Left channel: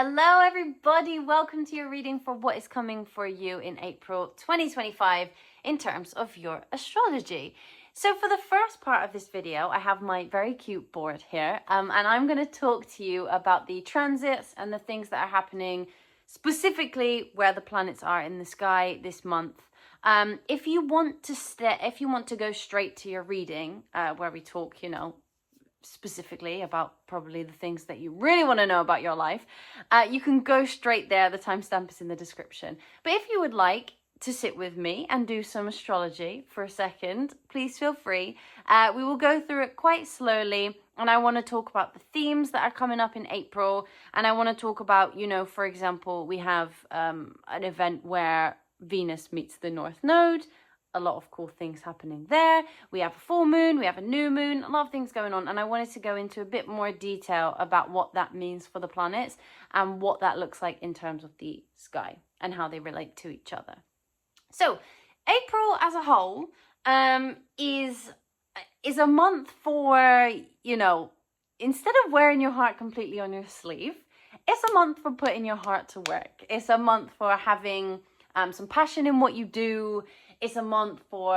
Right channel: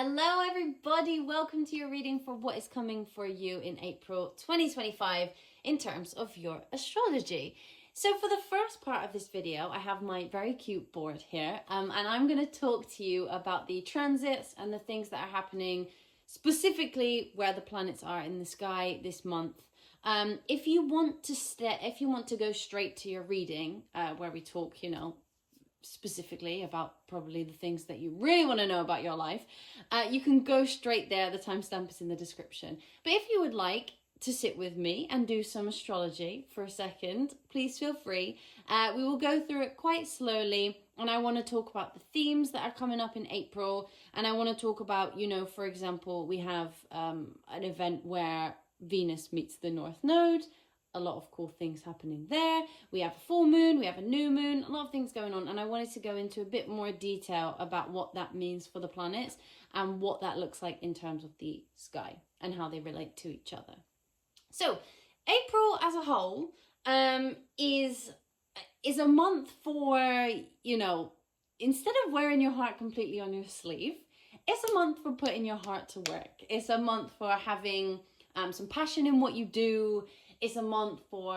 Hello everybody, welcome to your reading for what is coming for you in April 2025 in terms of your astrology. So for the first part of this video, I have my very cute board here and I'm going to talk to you about the transits and the things that are happening, specifically where the planets are in the sky this month. If you want to go straight to your reading, where we talk, specifically about probably the things that you really want to know about your life, you can go straight there. The timestamp is in the description. But if you would like to sit with me and do some astrology for a second, please feel free. We will go through it quite slowly, and I want to talk about the themes that are coming up in April, and I want to talk about, for example, we have an event where Venus meets the North Node. A lot of cool things happening there. We have a full moon, we have a new moon, a lot of things going on. And I wanted to go into a bit more detail about what that means for the planets and what that looks like in terms of the sky and how they relate to each other. So April as a whole is a month for, instead of wearing your heart completely on your sleeve, it's a month for putting your heart to work. It's a month for having some passion in what you do. It's a month for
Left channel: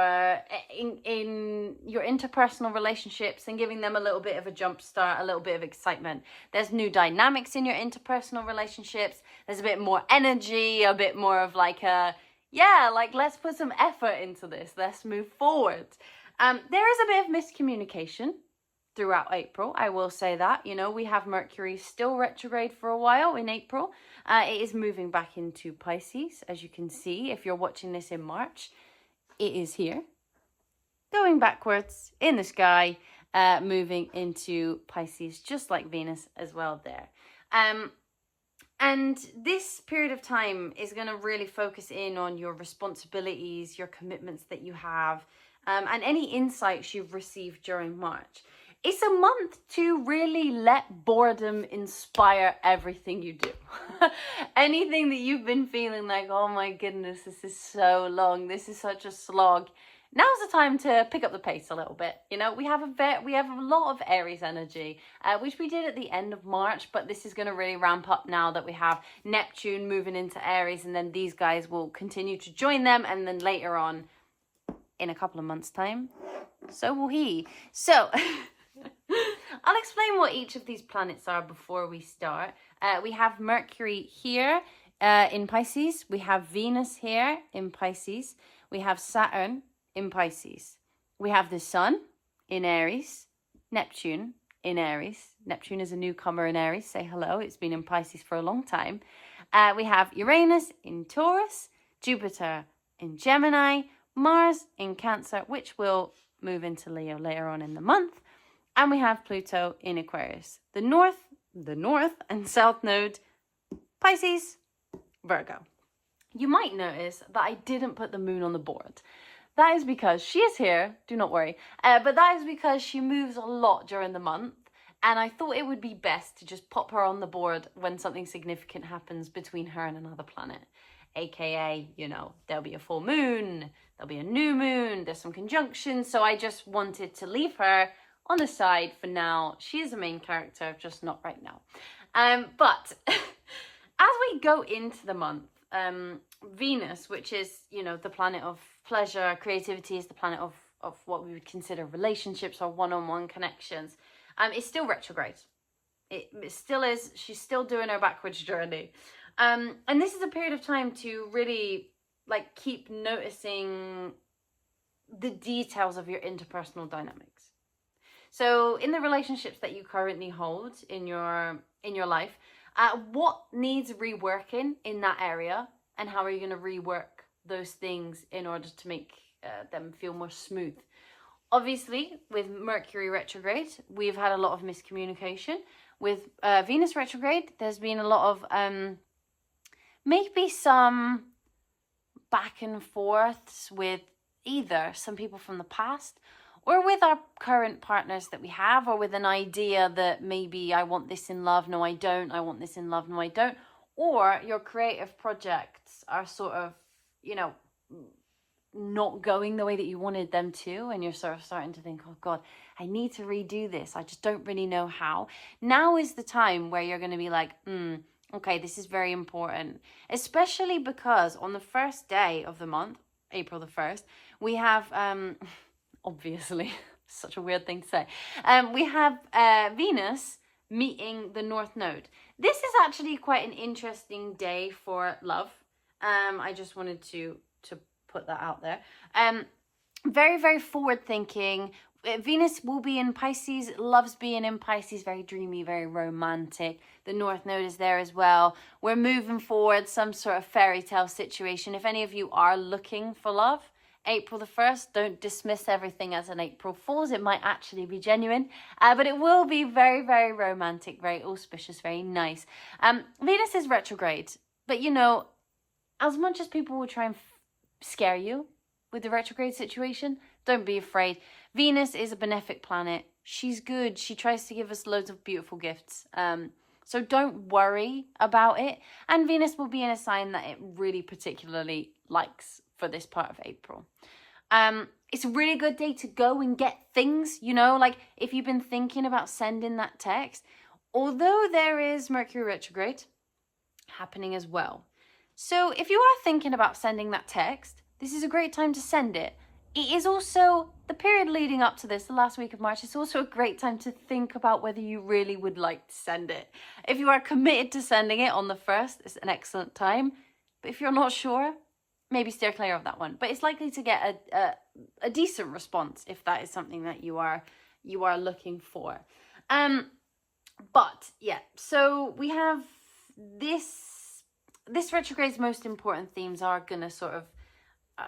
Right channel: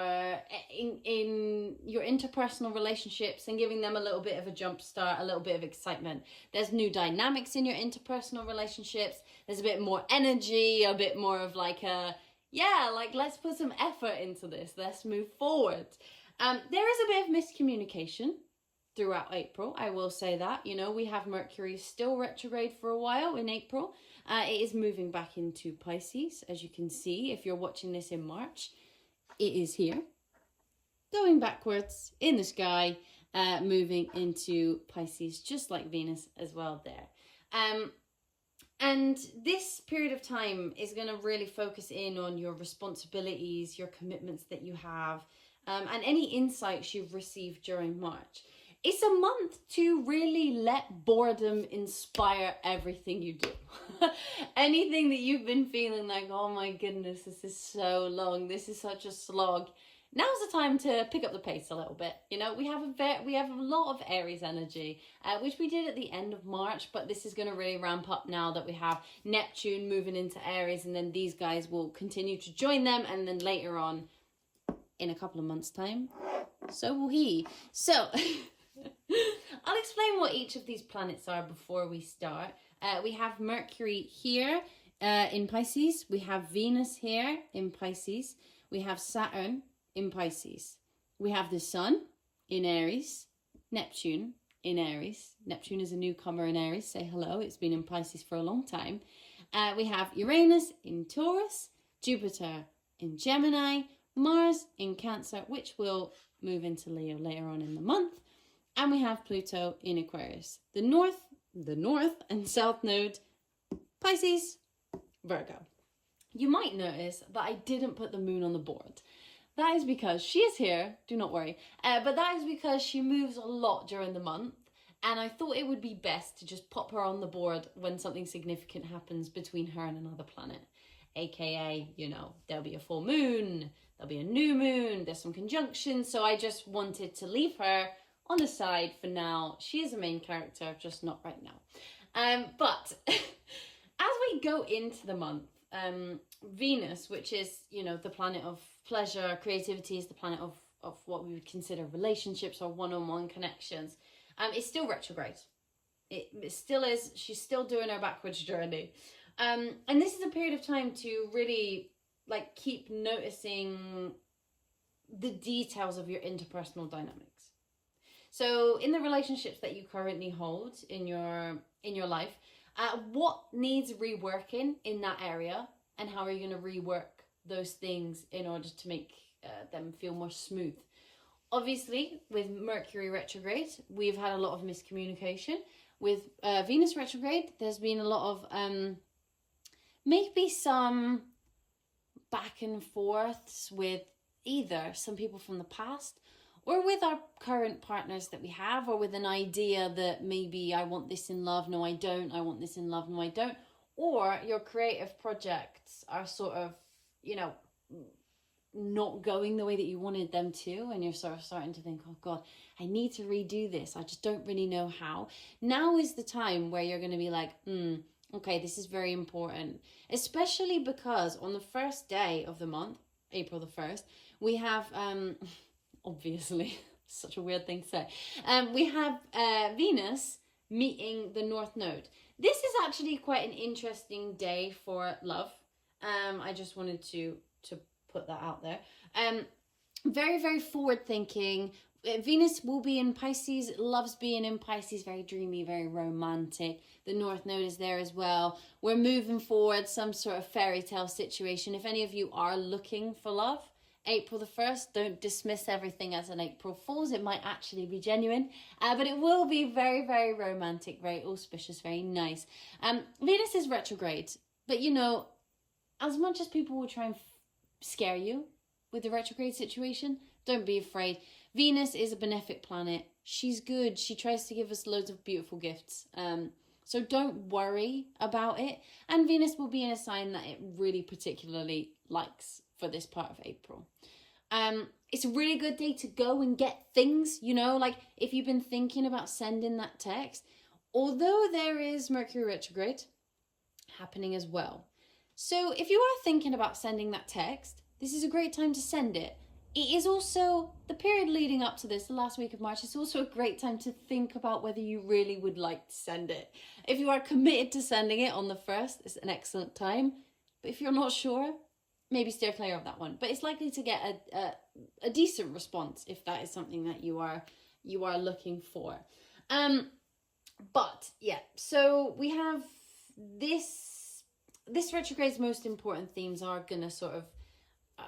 in your interpersonal relationships and giving them a little bit of a jump start, a little bit of excitement. There's new dynamics in your interpersonal relationships. There's a bit more energy, a bit more of let's put some effort into this. Let's move forward. There is a bit of miscommunication throughout April. I will say that, we have Mercury still retrograde for a while in April. It is moving back into Pisces, as you can see, if you're watching this in March. It is here, going backwards in the sky, moving into Pisces, just like Venus as well there. And this period of time is going to really focus in on your responsibilities, your commitments that you have, and any insights you've received during March. It's a month to really let boredom inspire everything you do. Anything that you've been feeling like, oh my goodness, this is so long, this is such a slog. Now's the time to pick up the pace a little bit. We have a lot of Aries energy, which we did at the end of March, but this is going to really ramp up now that we have Neptune moving into Aries, and then these guys will continue to join them, and then later on, in a couple of months' time, so will he. So I'll explain what each of these planets are before we start. We have Mercury here in Pisces. We have Venus here in Pisces. We have Saturn in Pisces. We have the Sun in Aries. Neptune in Aries. Neptune is a newcomer in Aries. Say hello. It's been in Pisces for a long time. We have Uranus in Taurus. Jupiter in Gemini. Mars in Cancer, which will move into Leo later on in the month. And we have Pluto in Aquarius. The North and South Node, Pisces, Virgo. You might notice that I didn't put the moon on the board. That is because she is here, do not worry, but that is because she moves a lot during the month, and I thought it would be best to just pop her on the board when something significant happens between her and another planet. AKA, there'll be a full moon, there'll be a new moon, there's some conjunctions, so I just wanted to leave her on the side for now. She is a main character, just not right now. But as we go into the month, Venus, which is, the planet of pleasure, creativity, is the planet of what we would consider relationships or one-on-one connections, is still retrograde. It still is. She's still doing her backwards journey. And this is a period of time to really keep noticing the details of your interpersonal dynamics. So in the relationships that you currently hold in your life, what needs reworking in that area, and how are you going to rework those things in order to make them feel more smooth? Obviously, with Mercury retrograde, we've had a lot of miscommunication. With Venus retrograde, there's been a lot of maybe some back and forths with either some people from the past, or with our current partners that we have, or with an idea that maybe I want this in love, no I don't, I want this in love, no I don't. Or your creative projects are sort of, not going the way that you wanted them to, and you're sort of starting to think, oh God, I need to redo this, I just don't really know how. Now is the time where you're going to be like, Okay, this is very important, especially because on the first day of the month, April the 1st, we have, obviously, such a weird thing to say, we have Venus meeting the North Node. This is actually quite an interesting day for love. I just wanted to put that out there. Very, very forward thinking. Venus will be in Pisces, loves being in Pisces, very dreamy, very romantic. The North Node is there as well. We're moving forward, some sort of fairy tale situation. If any of you are looking for love, April the 1st, don't dismiss everything as an April Fool's. It might actually be genuine, but it will be very, very romantic, very auspicious, very nice. Venus is retrograde, but you know, as much as people will try and scare you with the retrograde situation, don't be afraid. Venus is a benefic planet. She's good. She tries to give us loads of beautiful gifts. So don't worry about it. And Venus will be in a sign that it really particularly likes for this part of April. It's a really good day to go and get things, you know, like if you've been thinking about sending that text, although there is Mercury retrograde happening as well. So if you are thinking about sending that text, this is a great time to send it. It is also the period leading up to this, the last week of March. It's also a great time to think about whether you really would like to send it. If you are committed to sending it on the 1st, it's an excellent time. But if you're not sure, maybe steer clear of that one. But it's likely to get a decent response if that is something that you are looking for. But yeah, so we have this retrograde's most important themes are going to sort of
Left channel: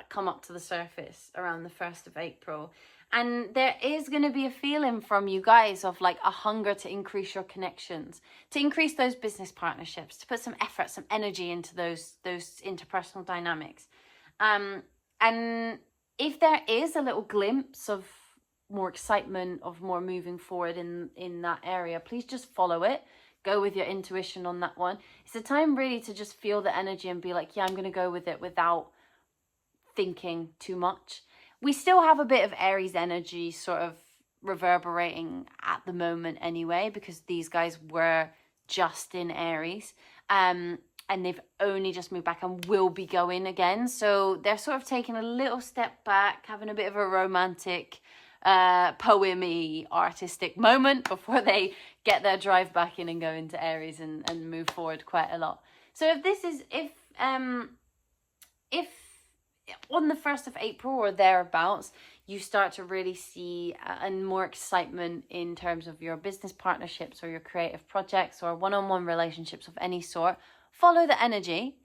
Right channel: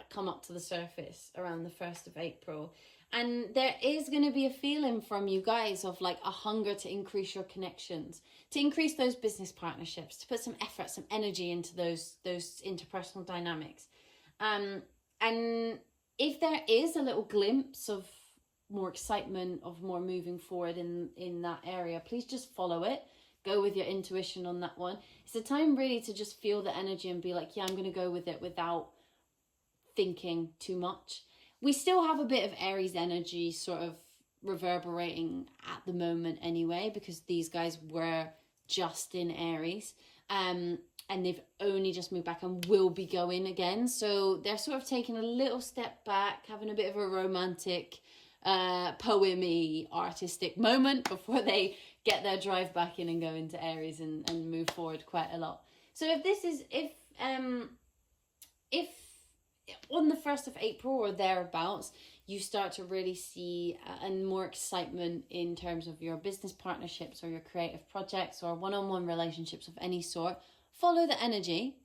come up to the surface around the 1st of April. And there is going to be a feeling from you guys of like a hunger to increase your connections, to increase those business partnerships, to put some effort, some energy into those interpersonal dynamics. And if there is a little glimpse of more excitement, of more moving forward in that area, please just follow it. Go with your intuition on that one. It's a time really to just feel the energy and be like, yeah, I'm going to go with it without thinking too much. We still have a bit of Aries energy sort of reverberating at the moment anyway, because these guys were just in Aries, and they've only just moved back and will be going again. So they're sort of taking a little step back, having a bit of a romantic, poemy, artistic moment before they get their drive back in and go into Aries and move forward quite a lot. So if on the 1st of April or thereabouts, you start to really see and more excitement in terms of your business partnerships or your creative projects or one-on-one relationships of any sort, follow the energy.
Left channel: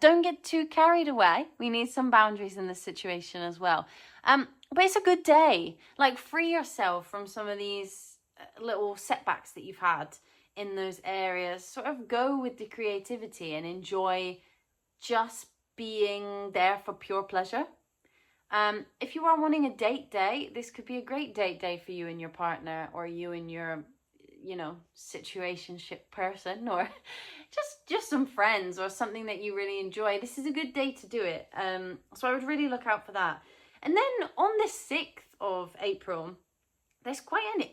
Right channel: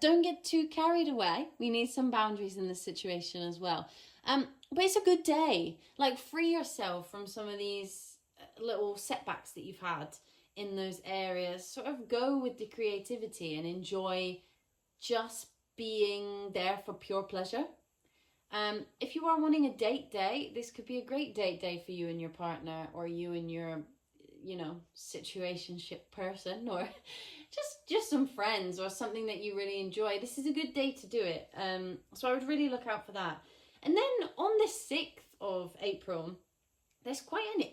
Don't get too carried away. We need some boundaries in this situation as well. But it's a good day. Like, free yourself from some of these little setbacks that you've had in those areas. Sort of go with the creativity and enjoy just being there for pure pleasure. If you are wanting a date day, this could be a great date day for you and your partner, or you and your, you know, situationship person, or just some friends or something that you really enjoy. This is a good day to do it. So I would really look out for that. And then on the 6th of April, there's quite an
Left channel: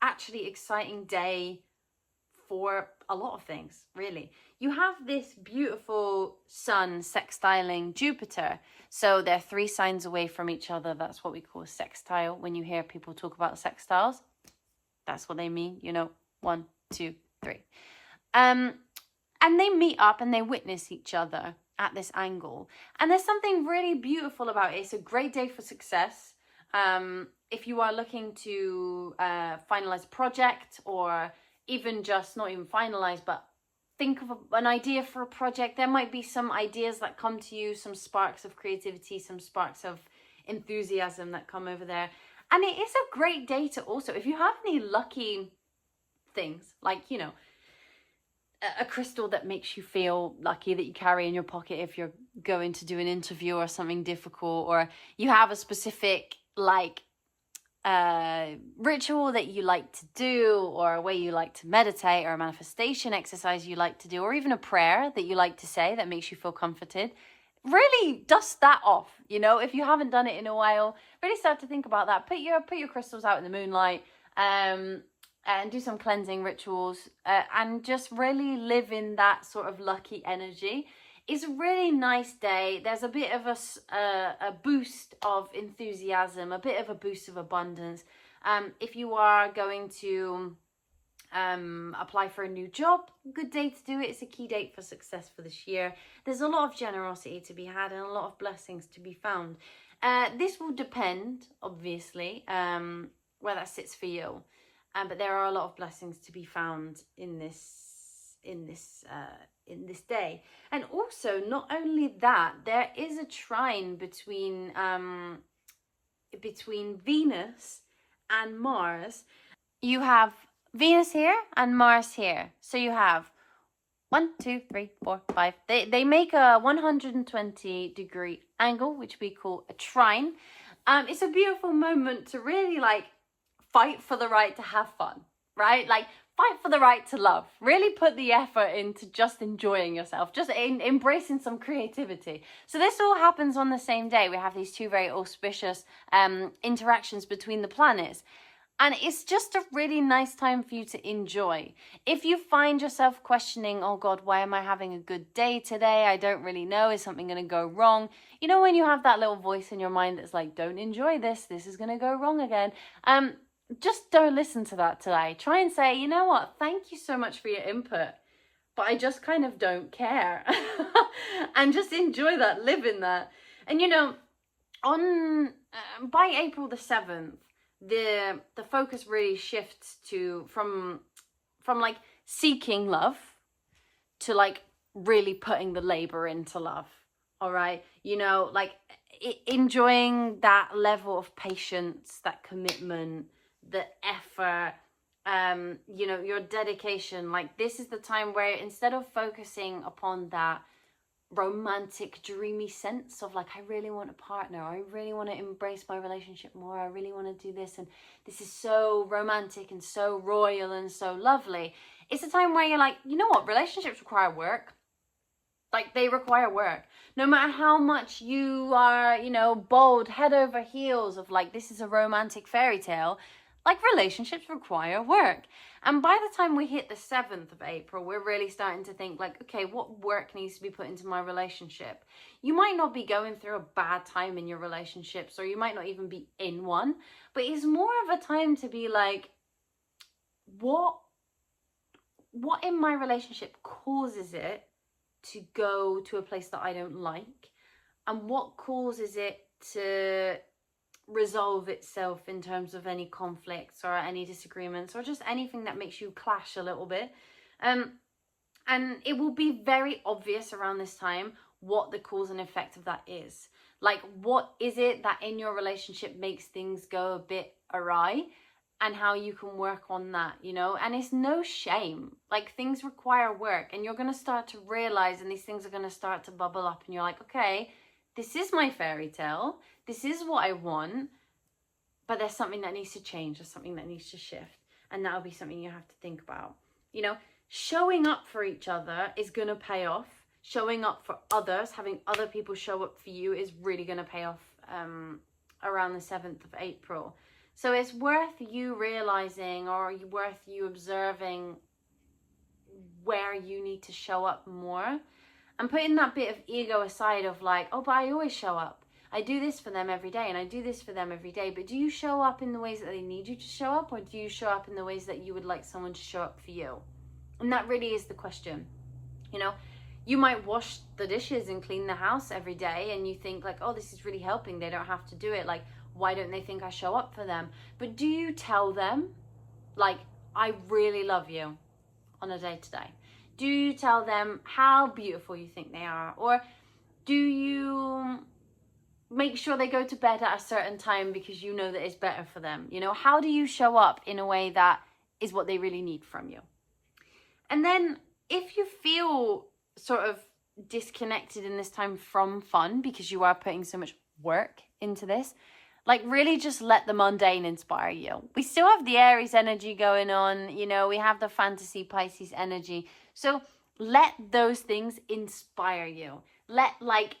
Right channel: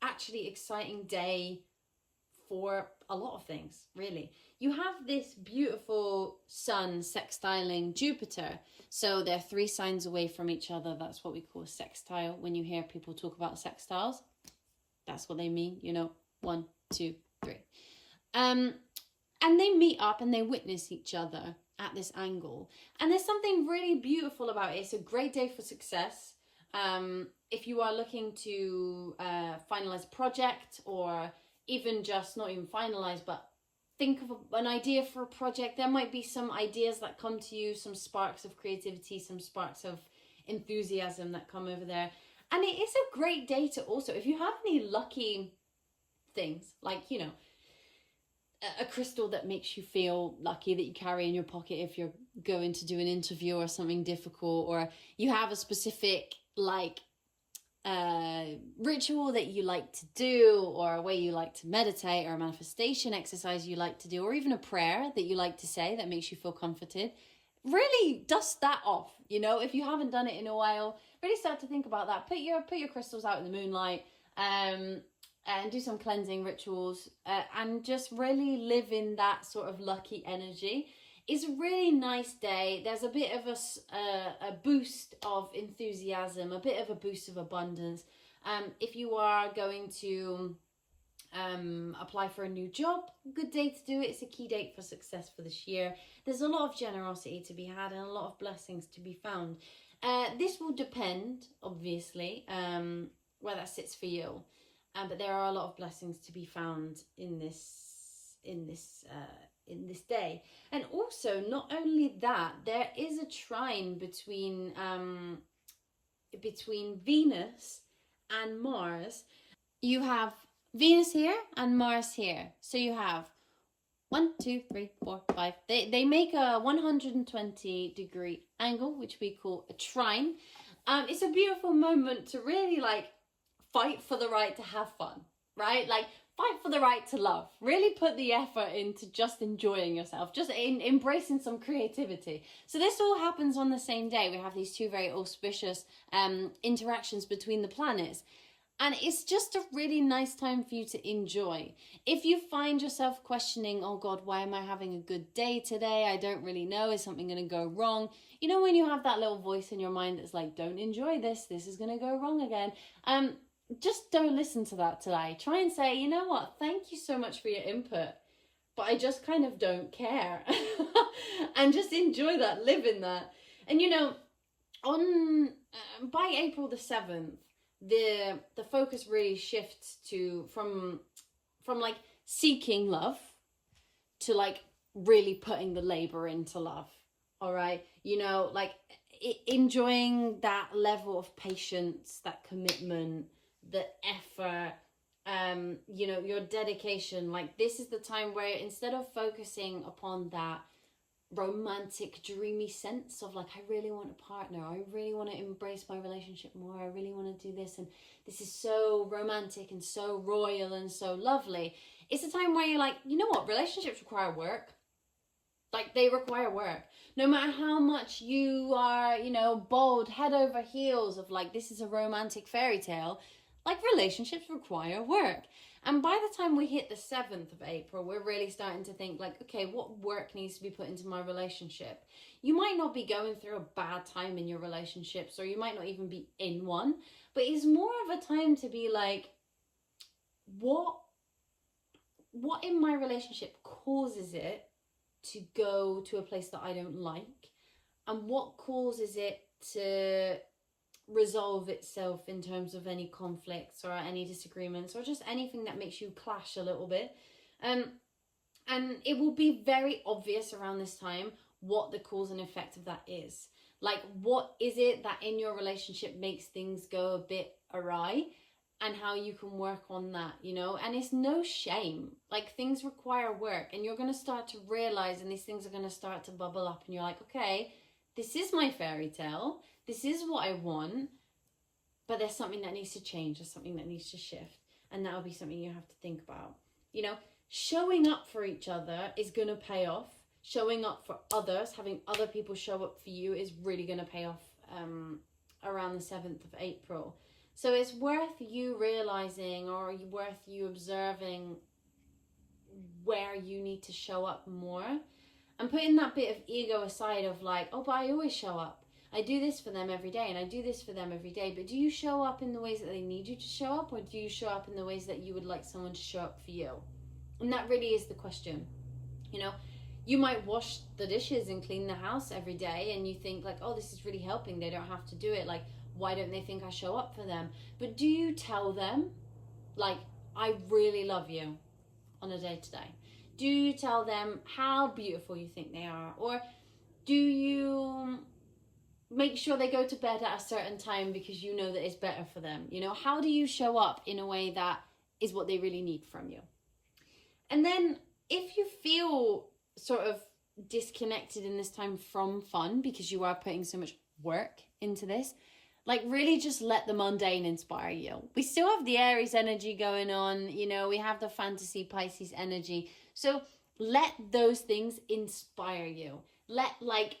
actually exciting day for a lot of things, really. You have this beautiful sun sextiling Jupiter. So they're 3 signs away from each other. That's what we call a sextile. When you hear people talk about sextiles, that's what they mean, you know, 1, 2, 3. And they meet up and they witness each other at this angle. And there's something really beautiful about it. It's a great day for success. If you are looking to finalize a project, or even just not even finalize, but think of an idea for a project, there might be some ideas that come to you, some sparks of creativity, some sparks of enthusiasm that come over there. And it is a great day to also, if you have any lucky things, like, you know, a crystal that makes you feel lucky that you carry in your pocket if you're going to do an interview or something difficult, or you have a specific like ritual that you like to do, or a way you like to meditate, or a manifestation exercise you like to do, or even a prayer that you like to say that makes you feel comforted, really dust that off. You know, if you haven't done it in a while, really start to think about that. Put your crystals out in the moonlight, and do some cleansing rituals, and just really live in that sort of lucky energy. It's a really nice day. There's a bit of a boost of enthusiasm, a bit of a boost of abundance. If you are going to apply for a new job, good day to do it. It's a key date for success for this year. There's a lot of generosity to be had and a lot of blessings to be found. This will depend, obviously, where that sits for you. But there are a lot of blessings to be found in this day. And also, not only that, there is a trine between Venus and Mars. You have Venus here and Mars here. So you have 1, 2, 3, 4, 5. They make a 120-degree angle, which we call a trine. It's a beautiful moment to really like fight for the right to have fun, right? Like fight for the right to love. Really put the effort into just enjoying yourself, just embracing some creativity. So this all happens on the same day. We have these two very auspicious interactions between the planets. And it's just a really nice time for you to enjoy. If you find yourself questioning, oh God, why am I having a good day today? I don't really know. Is something going to go wrong? You know, when you have that little voice in your mind that's like, don't enjoy this. This is going to go wrong again. Just don't listen to that today. Try and say, you know what? Thank you so much for your input, but I just kind of don't care. And just enjoy that, live in that. And you know, by April the 7th, the focus really shifts to from like seeking love to like really putting the labor into love. All right, you know, like enjoying that level of patience, that commitment, the effort, you know, your dedication. Like this is the time where instead of focusing upon that romantic, dreamy sense of like, I really want a partner, I really want to embrace my relationship more, I really want to do this, and this is so romantic and so royal and so lovely. It's a time where you're like, you know what, relationships require work. Like they require work. No matter how much you are, you know, bold, head over heels of like, this is a romantic fairy tale, like relationships require work. And by the time we hit the 7th of April, we're really starting to think like, okay, what work needs to be put into my relationship? You might not be going through a bad time in your relationships, or you might not even be in one, but it's more of a time to be like, what in my relationship causes it to go to a place that I don't like? And what causes it to resolve itself in terms of any conflicts or any disagreements or just anything that makes you clash a little bit? And it will be very obvious around this time what the cause and effect of that is. Like, what is it that in your relationship makes things go a bit awry, and how you can work on that, you know? And it's no shame. Like, things require work, and you're going to start to realize, and these things are going to start to bubble up, and you're like, okay, this is my fairy tale. This is what I want, but there's something that needs to change. There's something that needs to shift. And that'll be something you have to think about. You know, showing up for each other is going to pay off. Showing up for others, having other people show up for you is really going to pay off around the 7th of April. So it's worth you realizing, or worth you observing where you need to show up more, and putting that bit of ego aside of like, oh, but I always show up. I do this for them every day, and I do this for them every day. But do you show up in the ways that they need you to show up, or do you show up in the ways that you would like someone to show up for you? And that really is the question. You know, you might wash the dishes and clean the house every day, and you think like, oh, this is really helping. They don't have to do it. Like, why don't they think I show up for them? But do you tell them, like, I really love you on a day-to-day? Do you tell them how beautiful you think they are? Or do you make sure they go to bed at a certain time because you know that it's better for them? You know, how do you show up in a way that is what they really need from you? And then if you feel sort of disconnected in this time from fun because you are putting so much work into this, like really just let the mundane inspire you. We still have the Aries energy going on, you know, we have the fantasy Pisces energy. So let those things inspire you. Let, like,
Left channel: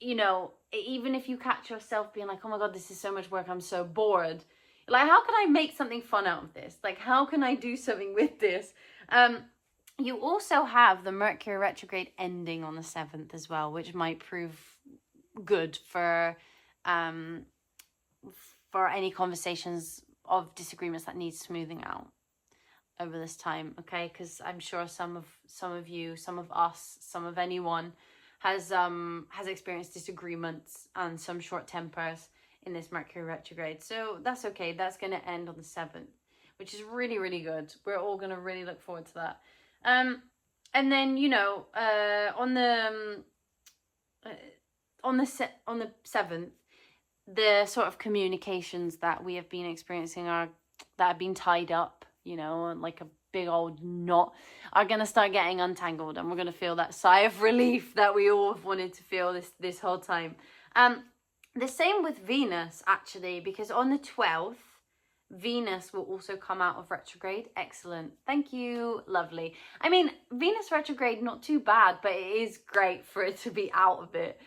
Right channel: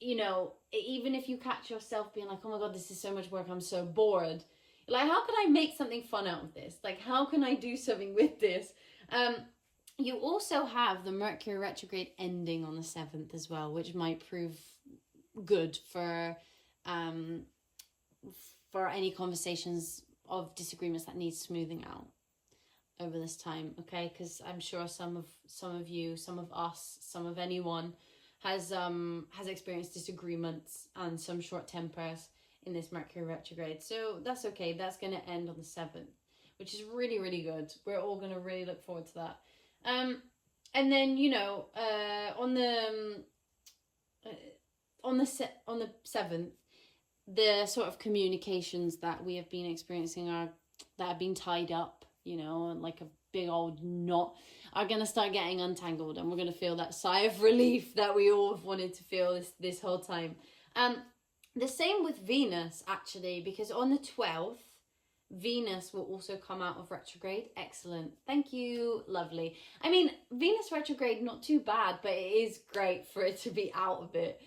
you know, even if you catch yourself being like, oh my God, this is so much work, I'm so bored, Like, how can I make something fun out of this? Like, how can I do something with this? You also have the Mercury retrograde ending on the 7th as well, which might prove good for any conversations of disagreements that need smoothing out over this time, okay? Because I'm sure some of you, some of us, some of anyone has experienced disagreements and some short tempers in this Mercury retrograde. So that's okay. That's going to end on the 7th, which is really, really good. We're all going to really look forward to that. And then, you know, on the 7th, the sort of communications that we have been experiencing that have been tied up, you know, like a big old knot, are going to start getting untangled, and we're going to feel that sigh of relief that we all have wanted to feel this whole time. The same with Venus, actually, because on the 12th, Venus will also come out of retrograde. Excellent. Thank you. Lovely. I mean, Venus retrograde, not too bad, but it is great for it to be out of it.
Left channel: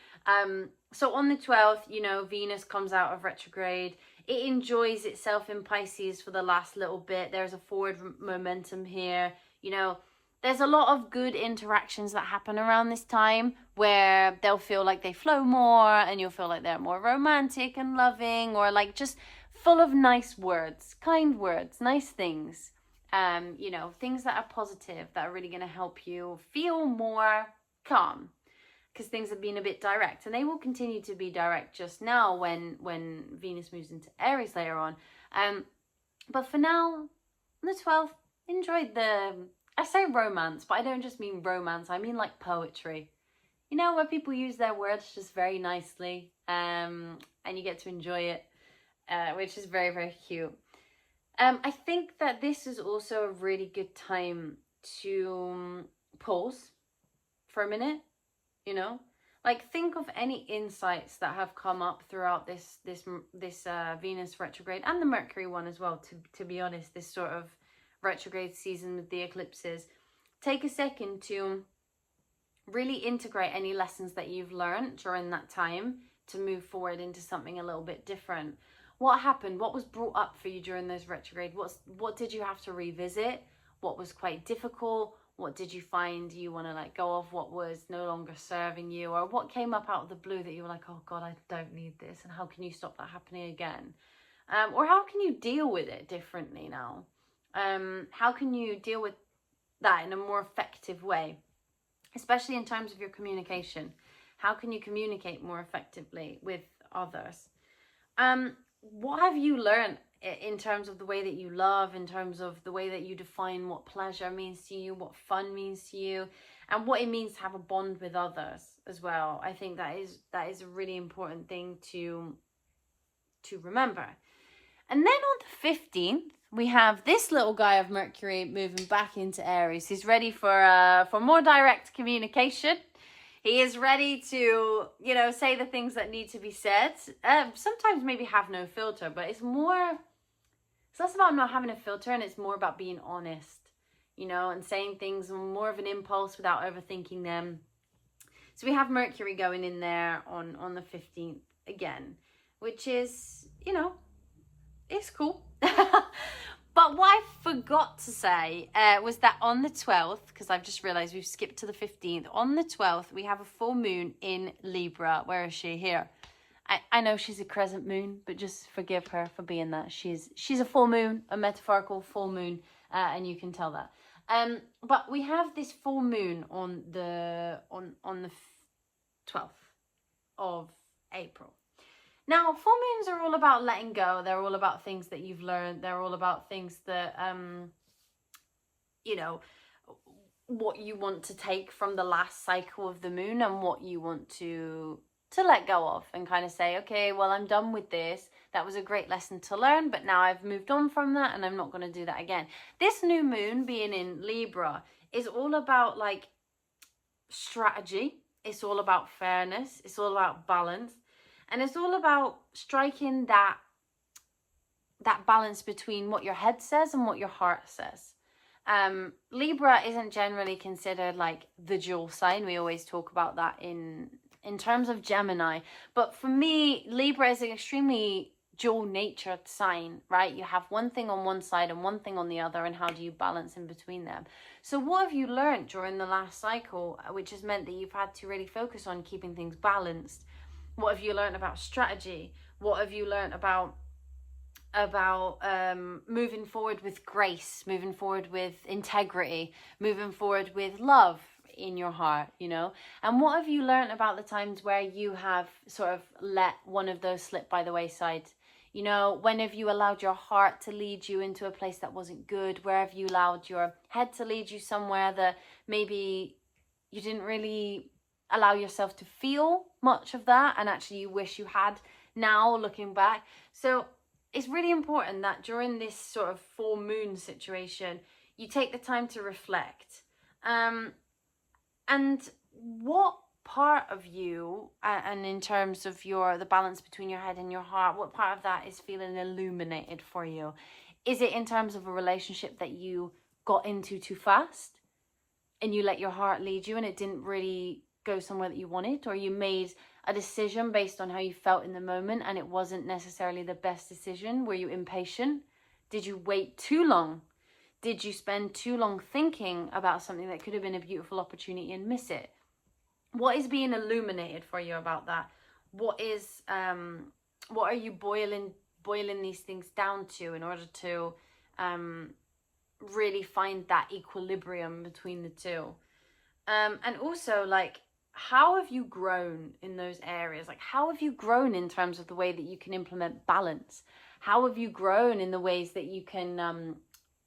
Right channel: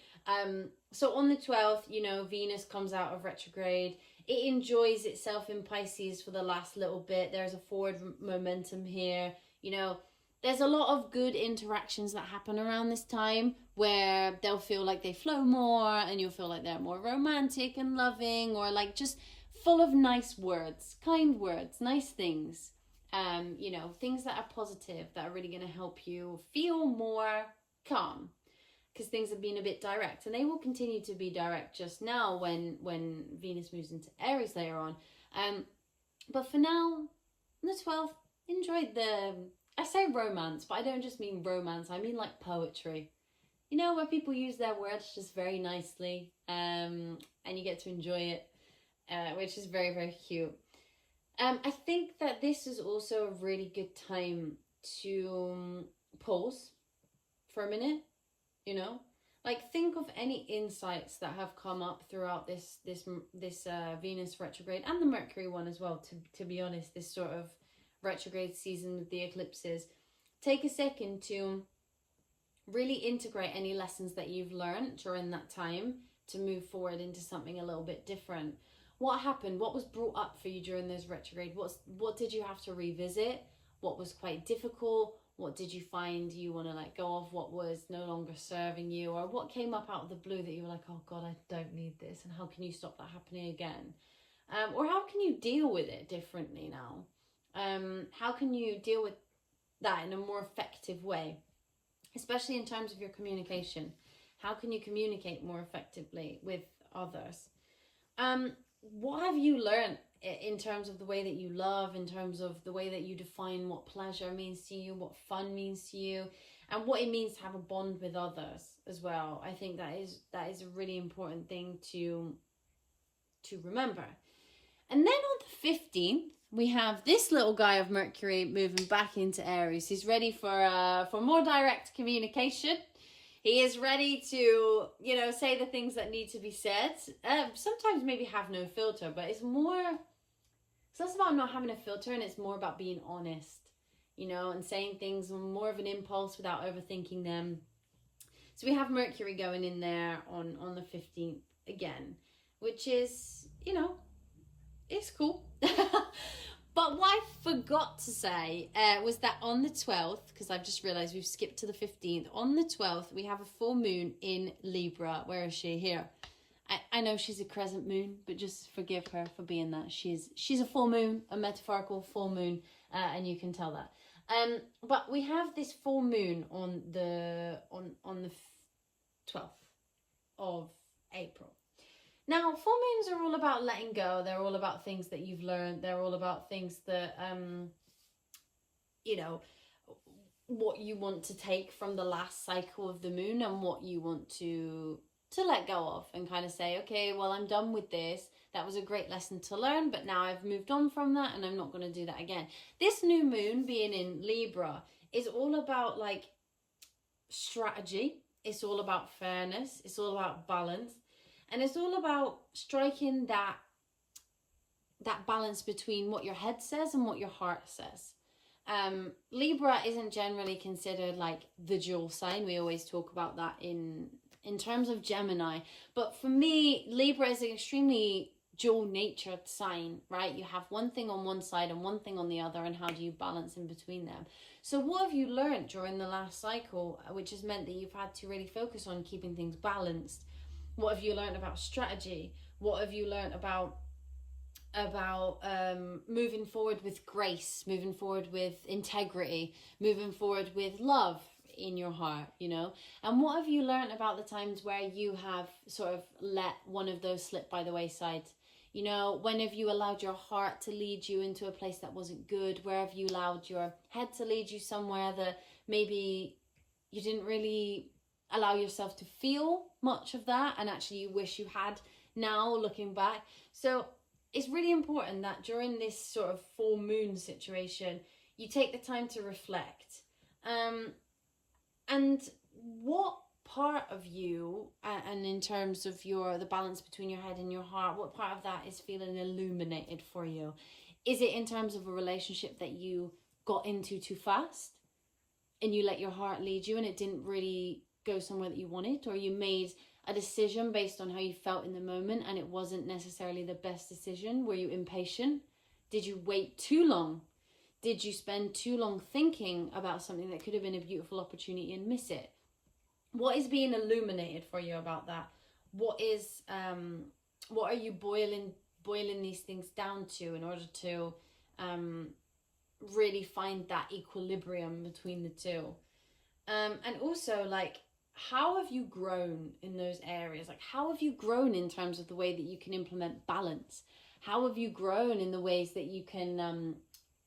So on the 12th, you know, Venus comes out of retrograde. It enjoys itself in Pisces for the last little bit. There's a forward momentum here. You know, there's a lot of good interactions that happen around this time where they'll feel like they flow more, and you'll feel like they're more romantic and loving, or like just full of nice words, kind words, nice things. You know, things that are positive, that are really going to help you feel more calm, because things have been a bit direct, and they will continue to be direct just now when Venus moves into Aries later on. But for now, on the 12th, enjoy I say romance, but I don't just mean romance, I mean like poetry. You know, where people use their words just very nicely, and you get to enjoy it, which is very, very cute. I think that this is also a really good time to pause for a minute, you know? Like, think of any insights that have come up throughout this Venus retrograde, and the Mercury one as well, to be honest, this sort of retrograde season with the eclipses. Take a second to really integrate any lessons that you've learned during that time to move forward into something a little bit different. What happened? What was brought up for you during those retrograde? What did you have to revisit? What was quite difficult? What did you find you want to let go of? What was no longer serving you? Or what came up out of the blue that you were like, oh God, I don't need this. And how can you stop that happening again? Or how can you deal with it differently now? How can you deal with that in a more effective way? Especially in terms of your communication. How can you communicate more effectively with others? What have you learned in terms of the way that you love, in terms of the way that you define what pleasure means to you, what fun means to you, and what it means to have a bond with others as well? I think that is a really important thing to remember. And then on the 15th, we have this little guy of Mercury moving back into Aries. He's ready for more direct communication. He is ready to, you know, say the things that need to be said. Sometimes maybe have no filter, but it's less about not having a filter, and it's more about being honest, you know, and saying things more of an impulse without overthinking them. So we have Mercury going in there on the 15th again, which is, you know, it's cool. But what I forgot to say was that on the 12th, because I've just realised we've skipped to the 15th, on the 12th, we have a full moon in Libra. Where is she? Here. I know she's a crescent moon, but just forgive her for being that. She's a full moon, a metaphorical full moon, and you can tell that. But we have this full moon on the 12th of April. Now, full moons are all about letting go. They're all about things that you've learned. They're all about things that, you know, what you want to take from the last cycle of the moon, and what you want to let go of, and kind of say, okay, well, I'm done with this. That was a great lesson to learn, but now I've moved on from that, and I'm not going to do that again. This new moon being in Libra is all about like strategy. It's all about fairness. It's all about balance. And it's all about striking that balance between what your head says and what your heart says. Libra isn't generally considered like the dual sign. We always talk about that in terms of Gemini. But for me, Libra is an extremely dual natured sign, right? You have one thing on one side and one thing on the other, and how do you balance in between them? So what have you learned during the last cycle, which has meant that you've had to really focus on keeping things balanced? What have you learned about strategy? What have you learned about moving forward with grace, moving forward with integrity, moving forward with love in your heart, you know? And what have you learned about the times where you have sort of let one of those slip by the wayside? You know, when have you allowed your heart to lead you into a place that wasn't good? Where have you allowed your head to lead you somewhere that maybe you didn't really allow yourself to feel much of that, and actually you wish you had now looking back? So it's really important that during this sort of full moon situation, you take the time to reflect. And what part of you, and in terms of the balance between your head and your heart, what part of that is feeling illuminated for you? Is it in terms of a relationship that you got into too fast and you let your heart lead you and it didn't really go somewhere that you wanted? Or you made a decision based on how you felt in the moment and it wasn't necessarily the best decision? Were you impatient? Did you wait too long? Did you spend too long thinking about something that could have been a beautiful opportunity and miss it? What is being illuminated for you about that? What are you boiling these things down to in order to really find that equilibrium between the two? And also, like, how have you grown in those areas? Like, how have you grown in terms of the way that you can implement balance? How have you grown in the ways that you can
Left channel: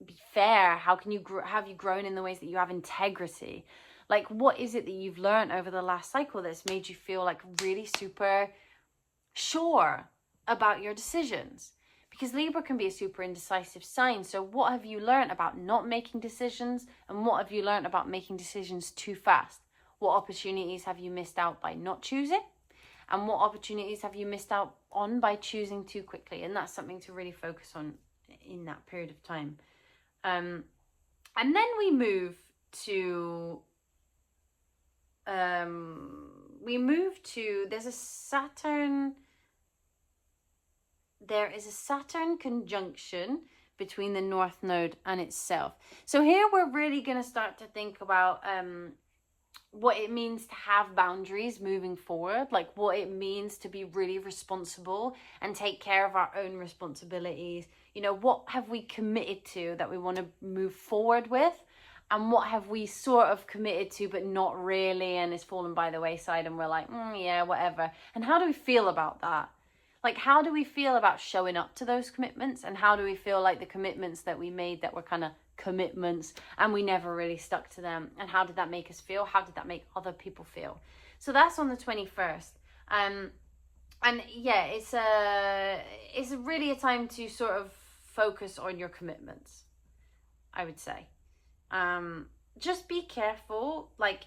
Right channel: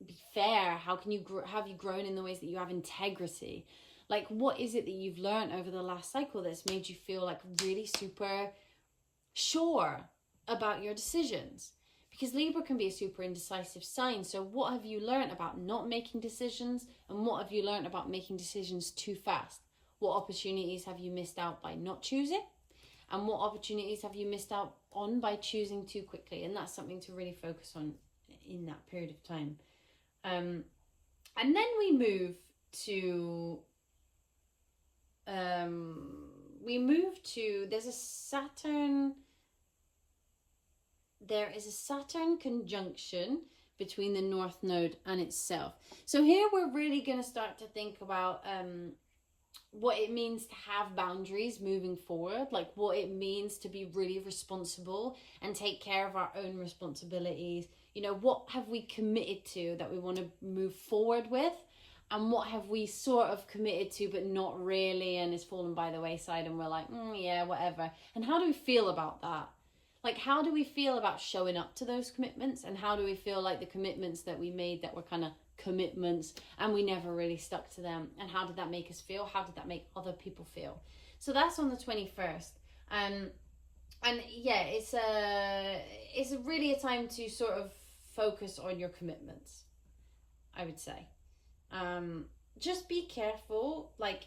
be fair? How can you have you grown in the ways that you have integrity? Like, what is it that you've learned over the last cycle that's made you feel like really super sure about your decisions? Because Libra can be a super indecisive sign. So what have you learned about not making decisions, and what have you learned about making decisions too fast? What opportunities have you missed out by not choosing? And what opportunities have you missed out on by choosing too quickly? And that's something to really focus on in that period of time. And then we move to there is a Saturn conjunction between the North Node and itself. So here we're really going to start to think about what it means to have boundaries moving forward, like what it means to be really responsible and take care of our own responsibilities. You know, what have we committed to that we want to move forward with? And what have we sort of committed to, but not really, and it's fallen by the wayside, and we're like, yeah, whatever. And how do we feel about that? Like, how do we feel about showing up to those commitments? And how do we feel like the commitments that we made that were kind of commitments and we never really stuck to them? And how did that make us feel? How did that make other people feel? So that's on the 21st. And yeah, it's really a time to sort of focus on your commitments, I would say. Just be careful, like,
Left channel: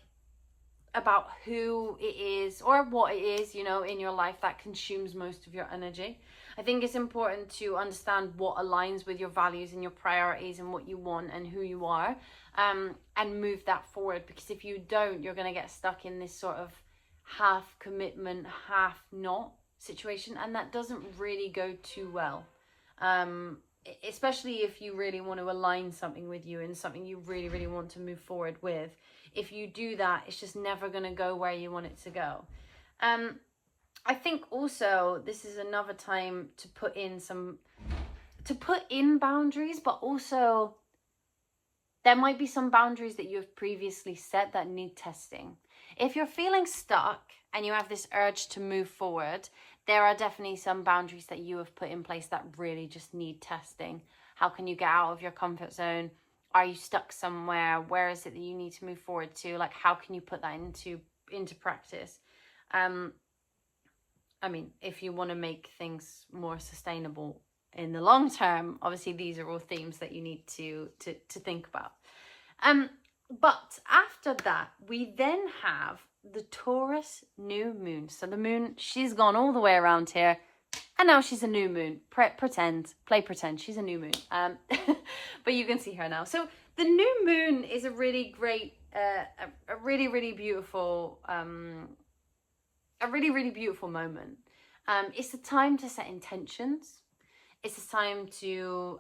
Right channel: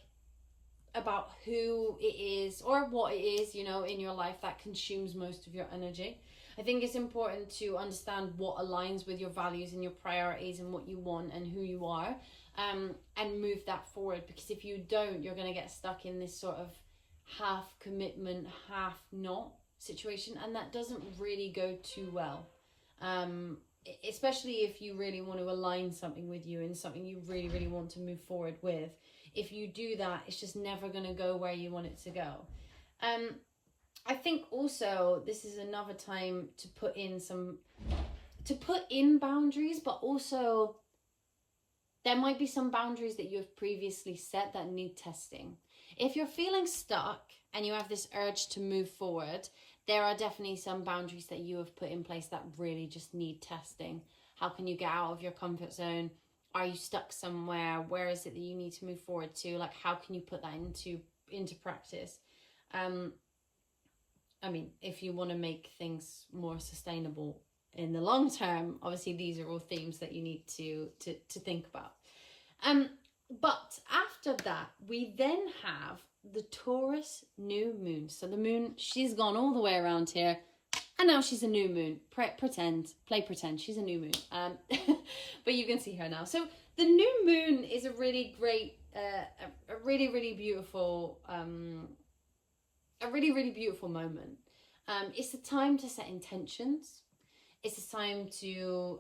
about who it is or what it is, you know, in your life that consumes most of your energy. I think it's important to understand what aligns with your values and your priorities and what you want and who you are, and move that forward. Because if you don't, you're going to get stuck in this sort of half commitment, half not situation, and that doesn't really go too well. Especially if you really want to align something with you and something you really, really want to move forward with. If you do that, it's just never going to go where you want it to go. I think also this is another time to put in boundaries, but also there might be some boundaries that you have previously set that need testing. If you're feeling stuck and you have this urge to move forward, there are definitely some boundaries that you have put in place that really just need testing. How can you get out of your comfort zone? Are you stuck somewhere? Where is it that you need to move forward to? Like, how can you put that into practice? I mean, if you want to make things more sustainable in the long term, obviously these are all themes that you need to think about. But after that, we then have the Taurus new moon. So the moon, she's gone all the way around here, and now she's a new moon. Play pretend she's a new moon. But you can see her now. So the new moon is a really great, a really, really beautiful moment. It's a time to set intentions. It's a time to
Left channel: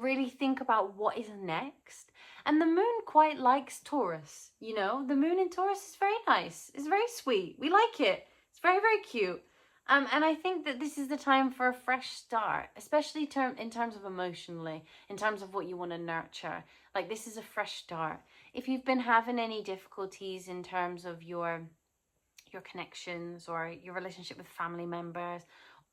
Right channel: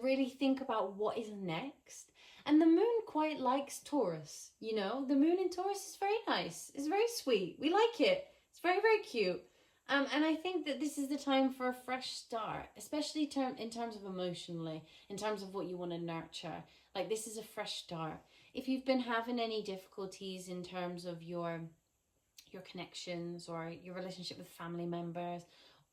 really think about what is next. And the moon quite likes Taurus, you know. The moon in Taurus is very nice. It's very sweet. We like it. It's very, very cute. And I think that this is the time for a fresh start, especially in terms of emotionally, in terms of what you want to nurture. Like, this is a fresh start. If you've been having any difficulties in terms of your connections or your relationship with family members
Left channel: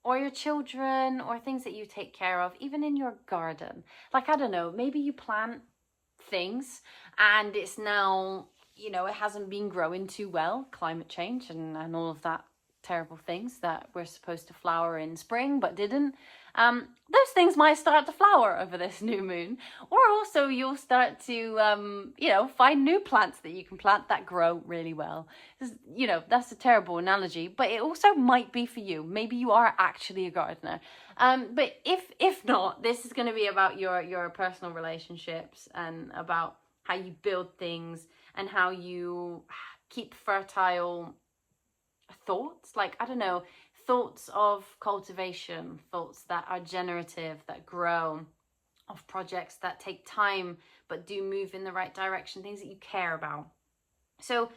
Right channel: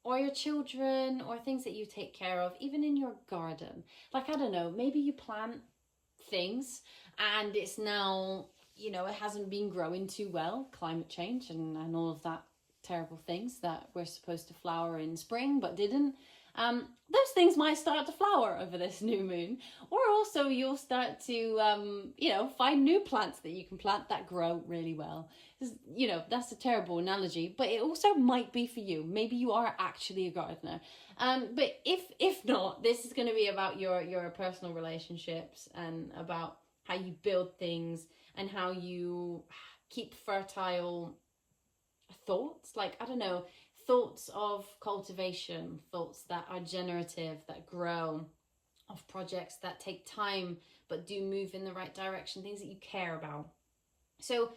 or your children or things that you take care of, even in your garden. Like, I don't know, maybe you plant things and it's now, you know, it hasn't been growing too well, climate change and all of that terrible things that were supposed to flower in spring but didn't. Those things might start to flower over this new moon, or also you'll start to you know, find new plants that you can plant that grow really well. You know, that's a terrible analogy, but it also might be for you. Maybe you are actually a gardener. But if not, this is going to be about your personal relationships and about how you build things and how you keep fertile thoughts. Like, I don't know, thoughts of cultivation, thoughts that are generative, that grow, of projects that take time but do move in the right direction, things that you care about. So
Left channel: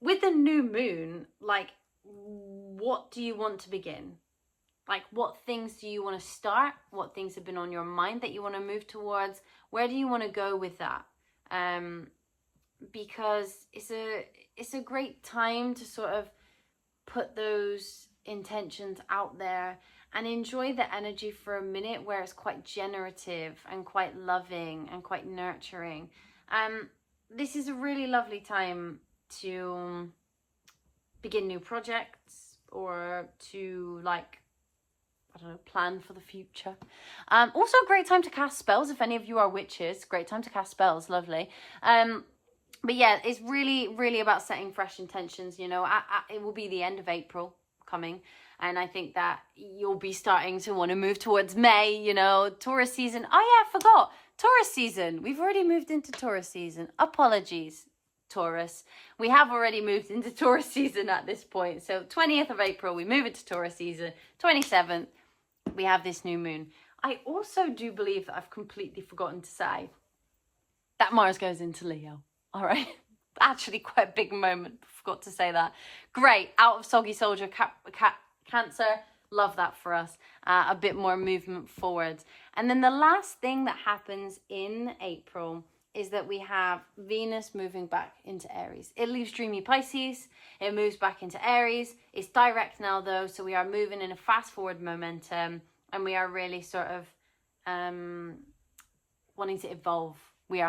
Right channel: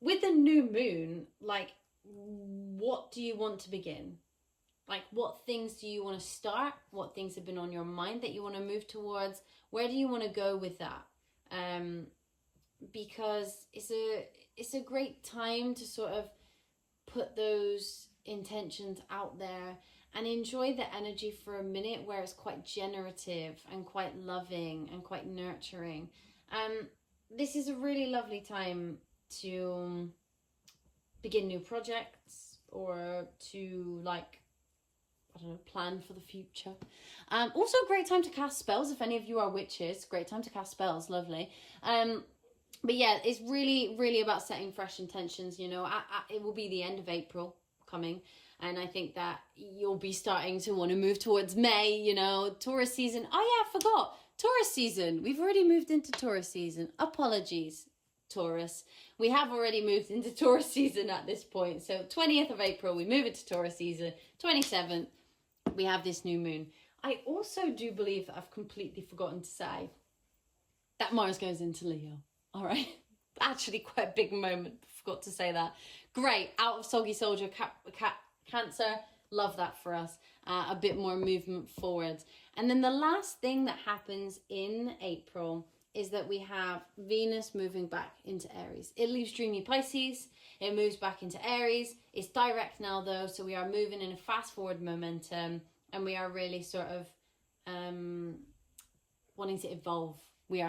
with the new moon, like, what do you want to begin? Like, what things do you want to start? What things have been on your mind that you want to move towards? Where do you want to go with that? Because it's a great time to sort of put those intentions out there and enjoy the energy for a minute where it's quite generative and quite loving and quite nurturing. This is a really lovely time to begin new projects or to, like, I don't know, plan for the future. Also a great time to cast spells. If any of you are witches, great time to cast spells, lovely. But yeah, it's really, really about setting fresh intentions, you know. It will be the end of April coming, and I think that you'll be starting to want to move towards May, you know, Taurus season. Oh yeah, I forgot. Taurus season. We've already moved into Taurus season. Apologies, Taurus. We have already moved into Taurus season at this point. So 20th of April, we move into Taurus season. 27th, we have this new moon. I also do believe that I've completely forgotten to say that Mars goes into Leo. All right, actually quite a big moment. Forgot to say that. Great, out of Soggy Soldier, Cancer. Love that for us. A bit more movement forward. And then the last thing that happens in April is that we have Venus moving back into Aries. It leaves dreamy Pisces. It moves back into Aries. It's direct now though, so we are moving in a fast forward momentum, and we are really sort of wanting to evolve. We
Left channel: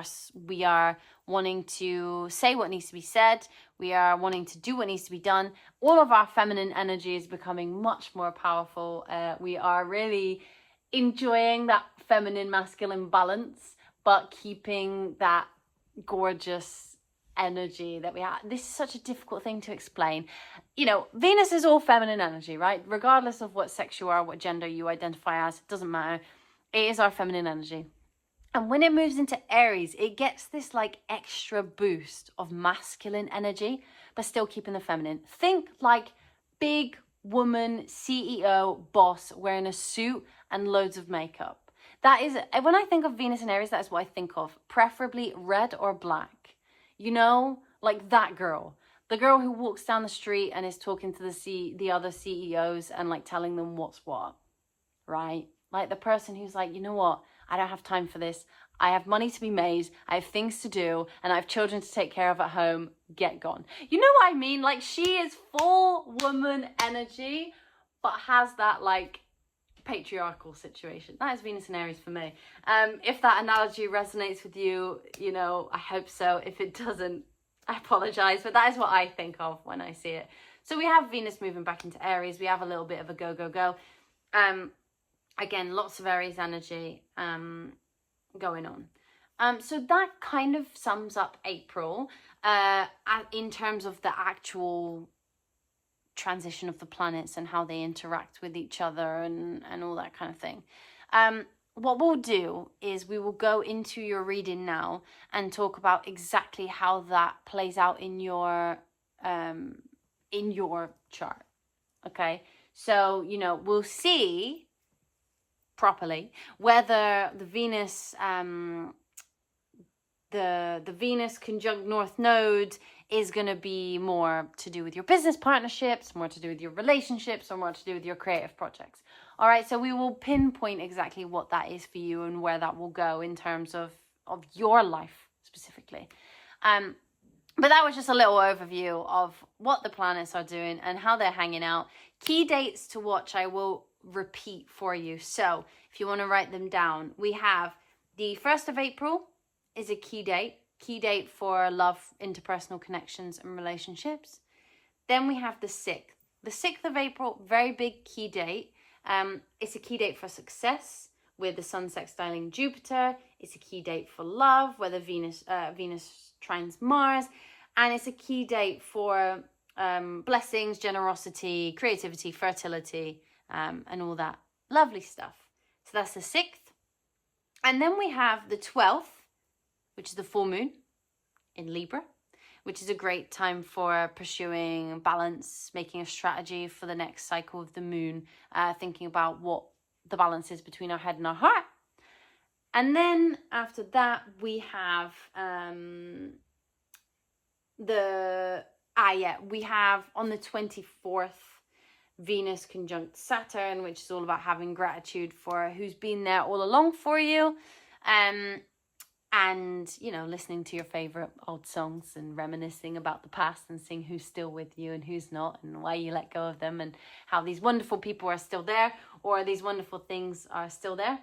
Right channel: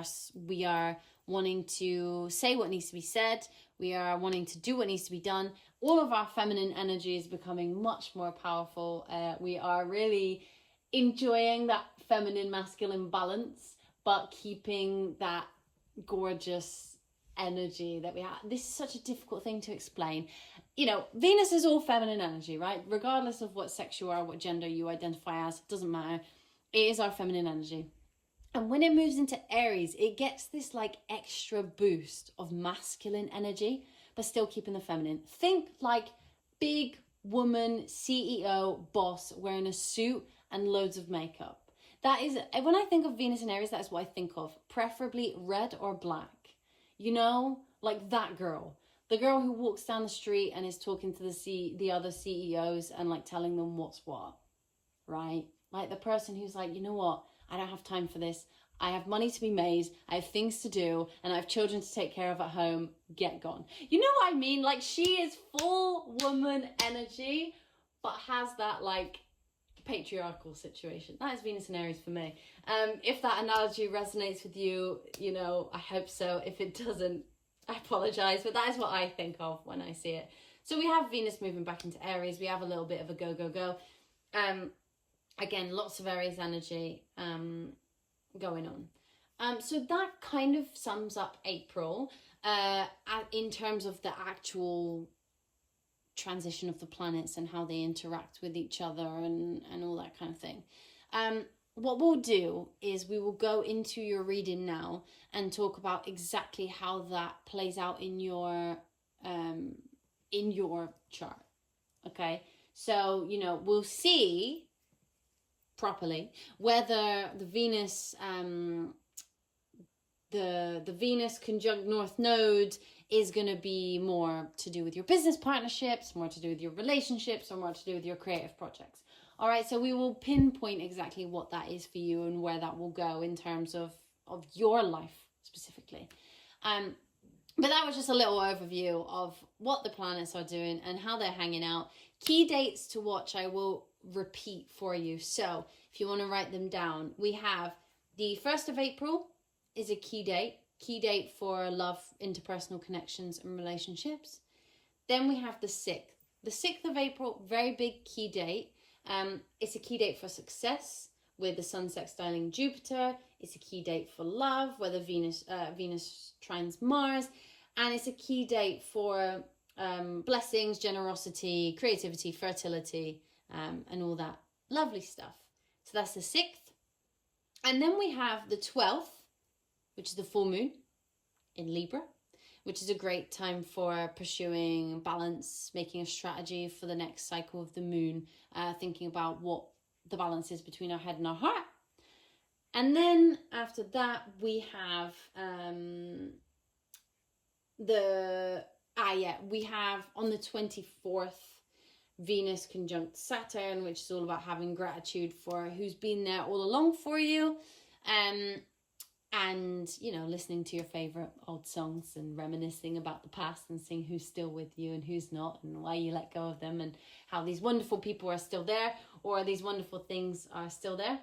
are wanting to say what needs to be said. We are wanting to do what needs to be done. All of our feminine energy is becoming much more powerful. We are really enjoying that feminine masculine balance, but keeping that gorgeous energy that we have. This is such a difficult thing to explain. You know, Venus is all feminine energy, right? Regardless of what sex you are, what gender you identify as, it doesn't matter. It is our feminine energy. And when it moves into Aries, it gets this like extra boost of masculine energy, but still keeping the feminine. Think like big woman, CEO, boss wearing a suit and loads of makeup. That is, when I think of Venus and Aries, that is what I think of. Preferably red or black. You know, like that girl. The girl who walks down the street and is talking to the other CEOs and like telling them what's what, right? Like the person who's like, you know what? I don't have time for this. I have money to be made. I have things to do, and I have children to take care of at home. Get gone. You know what I mean? Like, she is full woman energy, but has that like patriarchal situation. That is Venus and Aries for me. If that analogy resonates with you, you know, I hope so. If it doesn't, I apologize, but that is what I think of when I see it. So we have Venus moving back into Aries. We have a little bit of a go, go, go. Again, lots of Aries energy going on. So that kind of sums up April in terms of the actual transition of the planets and how they interact with each other and all that kind of thing. What we'll do is we will go into your reading now and talk about exactly how that plays out in your chart. Okay, so, you know, we'll see properly whether the Venus, the Venus conjunct North Node is going to be more to do with your business partnerships, more to do with your relationships, or more to do with your creative projects. All right, so we will pinpoint exactly what that is for you and where that will go in terms of your life specifically. But that was just a little overview of what the planets are doing and how they're hanging out. Key dates to watch, I will repeat for you. So if you want to write them down, we have the 1st of April is a key date for love, interpersonal connections and relationships. Then we have the 6th. The 6th of April, very big key date. It's a key date for success with the Sun sextiling Jupiter. It's a key date for love, where the Venus trines Mars. And it's a key date for blessings, generosity, creativity, fertility, and all that lovely stuff. So that's the 6th. And then we have the 12th, which is the full moon in Libra, which is a great time for pursuing balance, making a strategy for the next cycle of the moon, thinking about what the balance is between our head and our heart. And then after that, we have we have on the 24th, Venus conjunct Saturn, which is all about having gratitude for who's been there all along for you. And, you know, listening to your favorite old songs and reminiscing about the past and seeing who's still with you and who's not and why you let go of them and how these wonderful people are still there or these wonderful things are still there.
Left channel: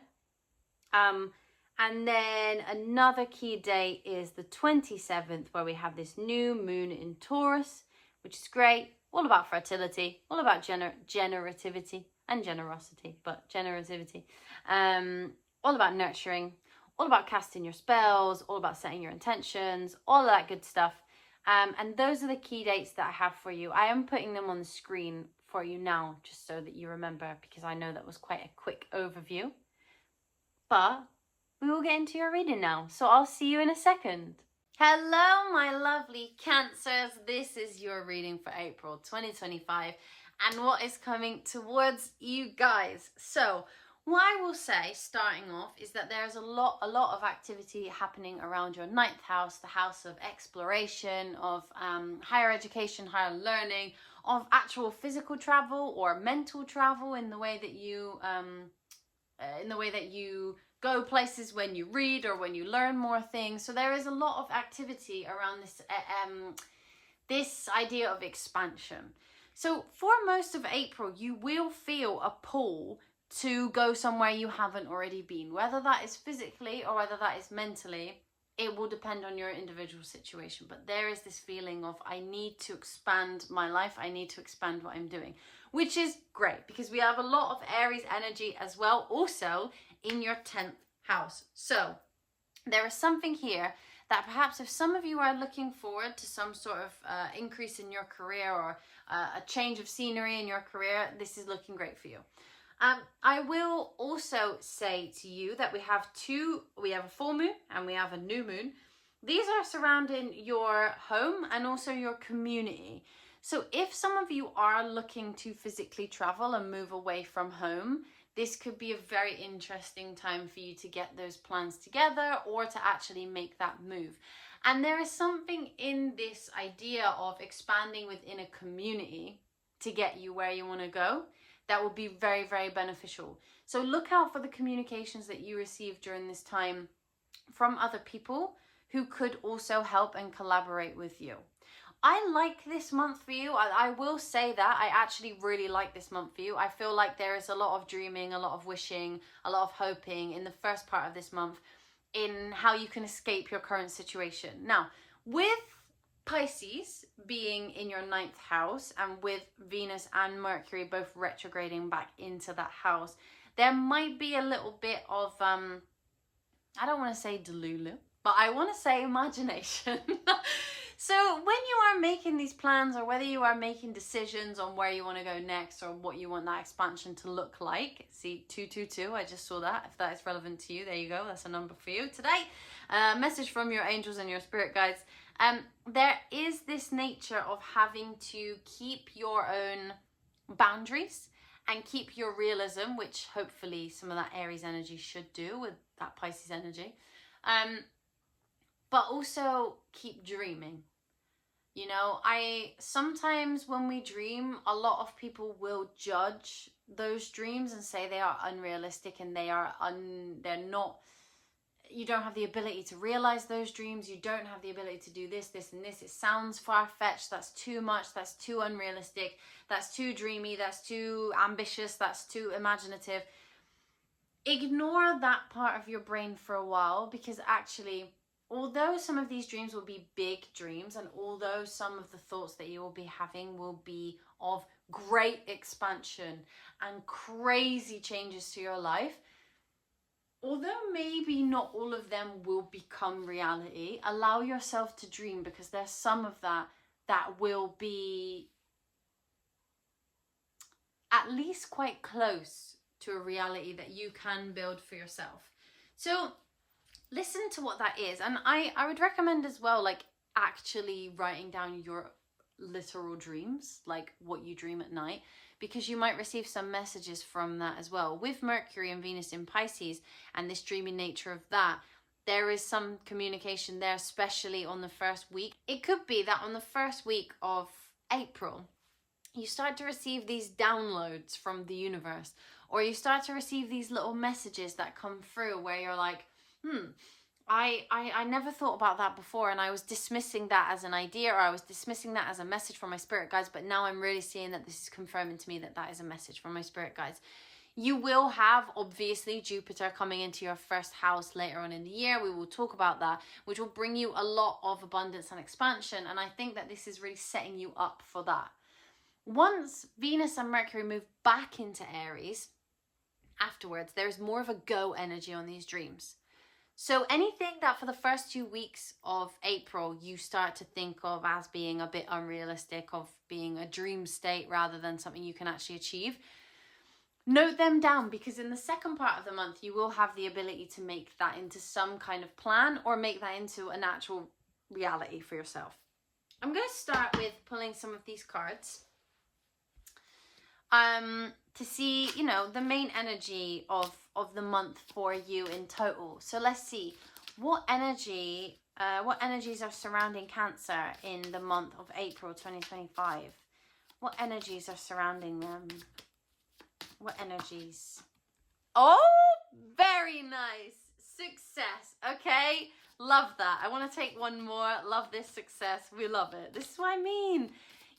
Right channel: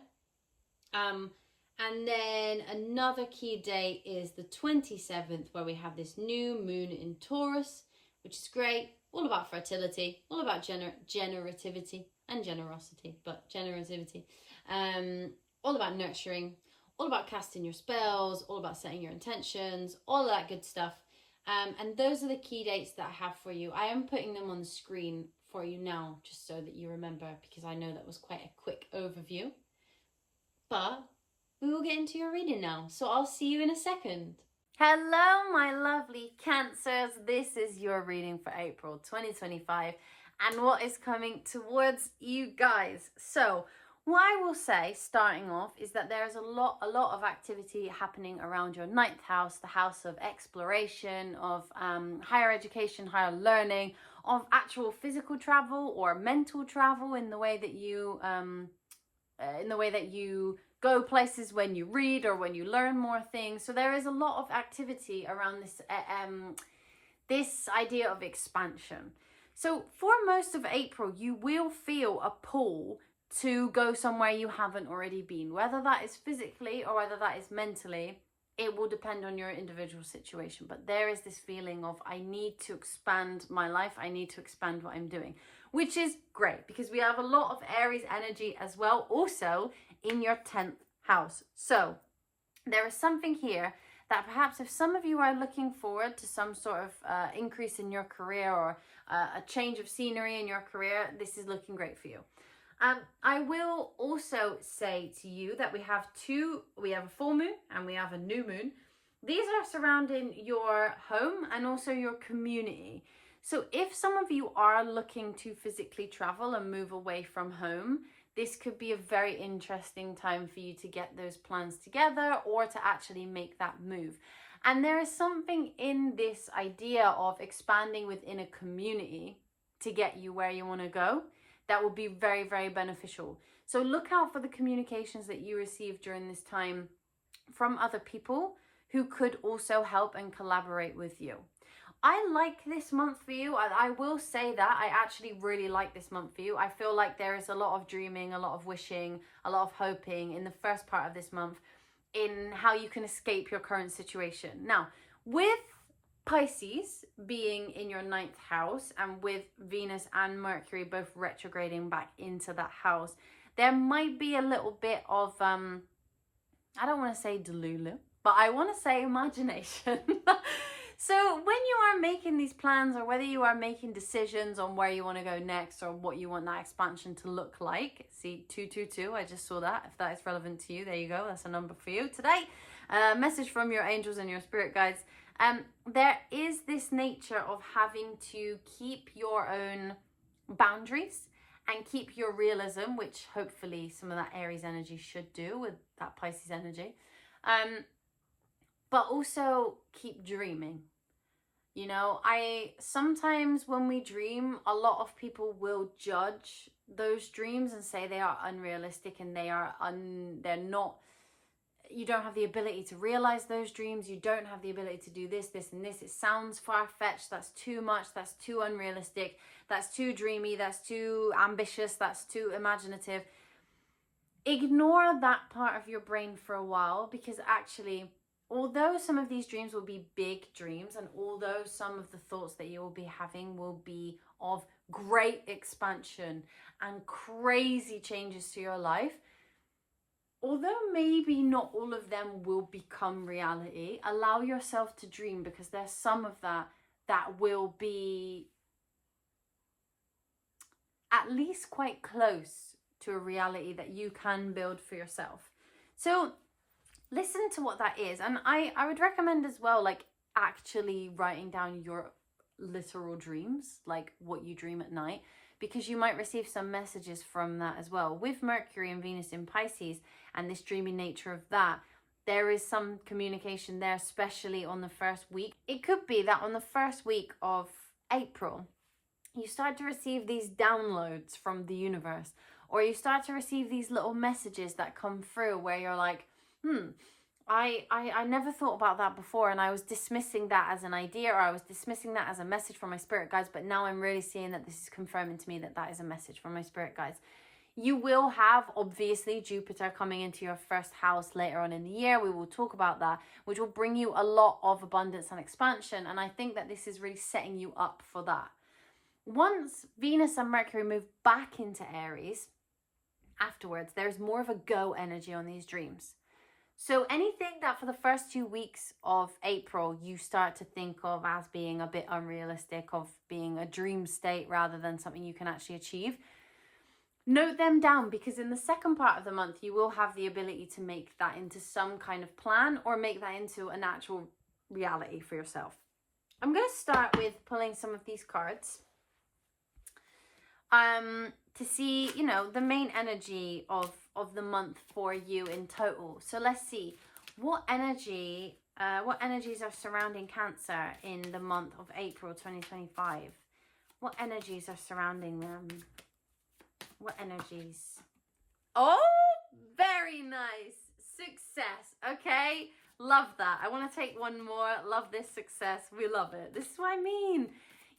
And then another key date is the 27th, where we have this new moon in Taurus, which is great. All about fertility, all about generativity and generosity, but generativity. All about nurturing, all about casting your spells, all about setting your intentions, all of that good stuff. And those are the key dates that I have for you. I am putting them on the screen for you now, just so that you remember, because I know that was quite a quick overview. But we will get into your reading now, so I'll see you in a second. Hello, my lovely Cancers. This is your reading for April 2025 and what is coming towards you guys. So what I will say, starting off, is that there's a lot of activity happening around your 9th house, the house of exploration, of higher education, higher learning, of actual physical travel or mental travel in the way that you go places when you read or when you learn more things. So there is a lot of activity around this idea of expansion. So for most of April, you will feel a pull to go somewhere you haven't already been, whether that is physically or whether that is mentally. It will depend on your individual situation, but there is this feeling of, I need to expand my life, I need to expand what I'm doing, which is great because we have a lot of Aries energy as well, also in your 10th house. So there is something here that perhaps if some of you are looking forward to some sort of increase in your career or a change of scenery in your career, this is looking great for you. I will also say to you that we have a full moon and we have a new moon. These are surrounding your home and also your community. So if some of you are looking to physically travel and move away from home, this could be a very interesting time for you to get those plans together or to actually make that move. And there is something in this idea of expanding within a community to get you where you want to go that will be very, very beneficial. So look out for the communications that you receive during this time from other people who could also help and collaborate with you. I like this month for you. I will say that I actually really like this month for you. I feel like there is a lot of dreaming, a lot of wishing, a lot of hoping in the first part of this month in how you can escape your current situation. Now, with Pisces being in your 9th house and with Venus and Mercury both retrograding back into that house, there might be a little bit of, I don't want to say delulu, but I want to say imagination. So when you are making these plans or whether you are making decisions on where you want to go next or what you want that expansion to look like, see 222, I just saw that. If that is relevant to you, there you go. That's a number for you today. Message from your angels and your spirit guides. There is this nature of having to keep your own boundaries and keep your realism, which hopefully some of that Aries energy should do with that Pisces energy. But also keep dreaming. You know, sometimes when we dream, a lot of people will judge those dreams and say they are unrealistic and they're not, you don't have the ability to realize those dreams. You don't have the ability to do this, this, and this. It sounds far-fetched. That's too much. That's too unrealistic. That's too dreamy. That's too ambitious. That's too imaginative. Ignore that part of your brain for a while, because actually, although some of these dreams will be big dreams, and although some of the thoughts that you will be having will be of great expansion and crazy changes to your life, although maybe not all of them will become reality, allow yourself to dream, because there's some of that will be at least quite close to a reality that you can build for yourself. So listen to what that is. And I would recommend as well, like, actually writing down your literal dreams, like what you dream at night, because you might receive some messages from that as well. With Mercury and Venus in Pisces and this dreamy nature of that, there is some communication there, especially on the first week. It could be that on the first week of April, you start to receive these downloads from the universe, or you start to receive these little messages that come through where you're like, I never thought about that before, and I was dismissing that as an idea, or I was dismissing that as a message from my spirit guides, but now I'm really seeing that this is confirming to me that that is a message from my spirit guides. You will have, obviously, Jupiter coming into your first house later on in the year. We will talk about that, which will bring you a lot of abundance and expansion, and I think that this is really setting you up for that. Once Venus and Mercury move back into Aries, afterwards, there's more of a go energy on these dreams. So anything that for the first 2 weeks of April you start to think of as being a bit unrealistic, of being a dream state rather than something you can actually achieve, note them down, because in the second part of the month you will have the ability to make that into some kind of plan, or make that into an actual reality for yourself. I'm going to start with pulling some of these cards to see, you know, the main energy of the month for you in total. So let's see what energies are surrounding Cancer in the month of April 2025. What energies are surrounding them? What energies? Oh, very nice. Success. Okay, love that. I want to take one more. Love this success. We love it. This is what I mean.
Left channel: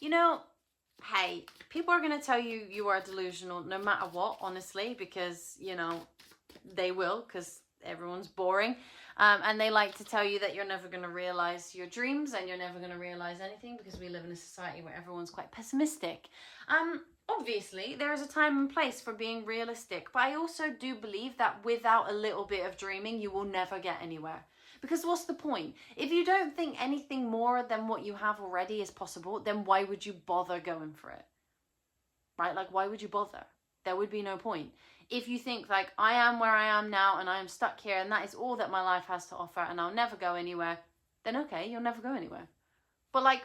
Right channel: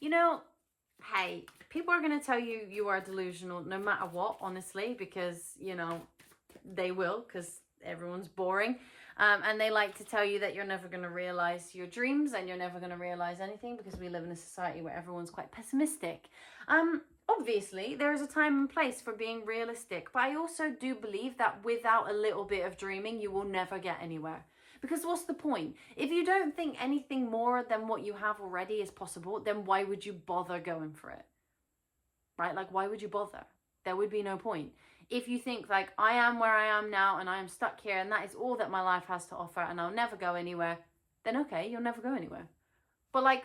You know, hey, people are going to tell you you are delusional no matter what, honestly, because, you know, they will, because everyone's boring. And they like to tell you that you're never going to realize your dreams and you're never going to realize anything, because we live in a society where everyone's quite pessimistic. Obviously, there is a time and place for being realistic, but I also do believe that without a little bit of dreaming, you will never get anywhere. Because what's the point? If you don't think anything more than what you have already is possible, then why would you bother going for it? Right? Like, why would you bother? There would be no point. If you think, like, I am where I am now and I am stuck here and that is all that my life has to offer and I'll never go anywhere, then okay, you'll never go anywhere. But, like,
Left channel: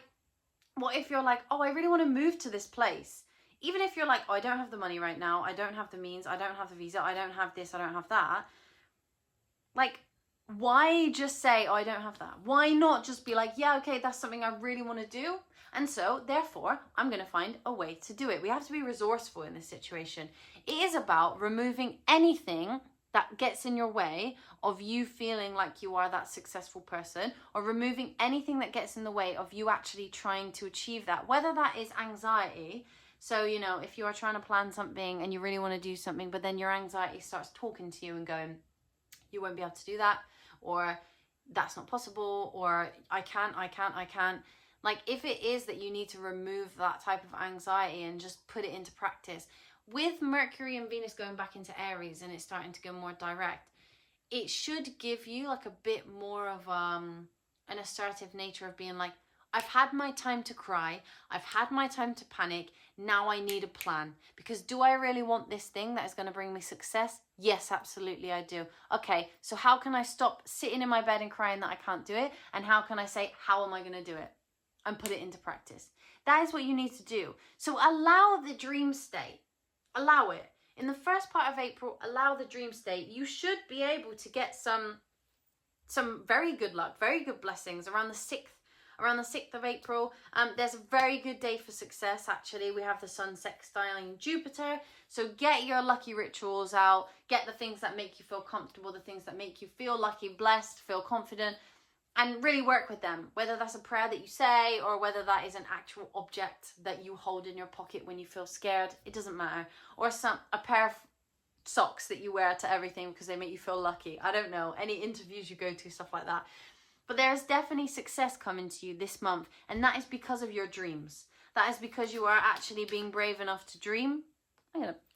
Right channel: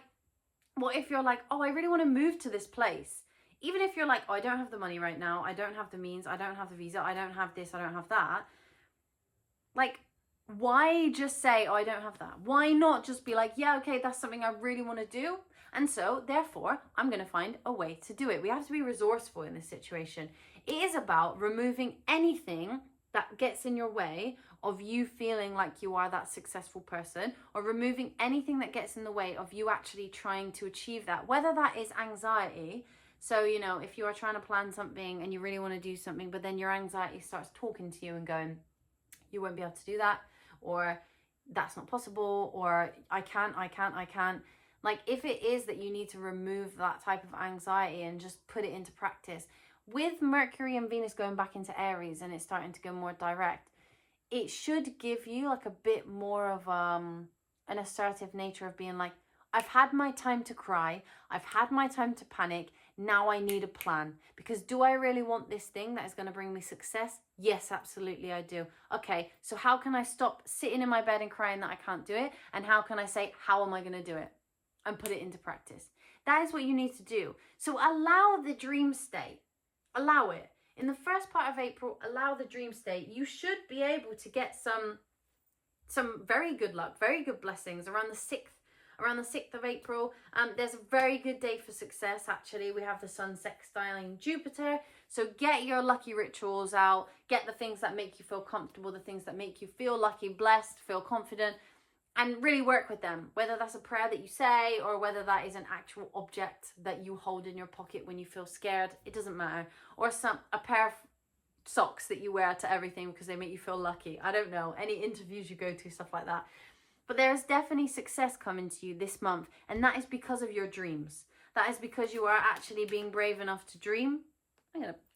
what if you're like, oh, I really want to move to this place? Even if you're like, oh, I don't have the money right now, I don't have the means, I don't have the visa, I don't have this, I don't have that. Like, why just say, oh, I don't have that? Why not just be like, yeah, okay, that's something I really want to do, and so therefore I'm going to find a way to do it. We have to be resourceful in this situation. It is about removing anything that gets in your way of you feeling like you are that successful person, or removing anything that gets in the way of you actually trying to achieve that, whether that is anxiety. So, you know, if you are trying to plan something and you really want to do something, but then your anxiety starts talking to you and going, you won't be able to do that, or that's not possible, or I can't. Like, if it is that you need to remove that type of anxiety and just put it into practice, with Mercury and Venus going back into Aries and it's starting to go more direct, it should give you like a bit more of an assertive nature of being like, I've had my time to cry, I've had my time to panic, now I need a plan. Because do I really want this thing that is going to bring me success? Yes, absolutely I do. Okay, so how can I stop sitting in my bed and crying that I can't do it? And how can I say, how am I going to do it? And put it into practice. That is what you need to do. So allow the dream state. Allow it. In the first part of April, allow the dream state. You should be able to get some very good luck, very good blessings around the 6th of April. There's a very good day for success, actually. We have the sun sextiling Jupiter. So get your lucky rituals out. Get the things that make you feel comfortable, the things that make you feel lucky, blessed, feel confident, and really work with them. Whether that's a prayer that you say or whether that is an actual object that you hold in your pocket when you feel scared, it doesn't matter. Or a pair of socks that you wear to everything because they make you feel lucky. I don't know, any interviews you go to, stuff like that. But there's definitely success coming to you this month, and that is because of your dreams. That is because you are actually being brave enough to dream.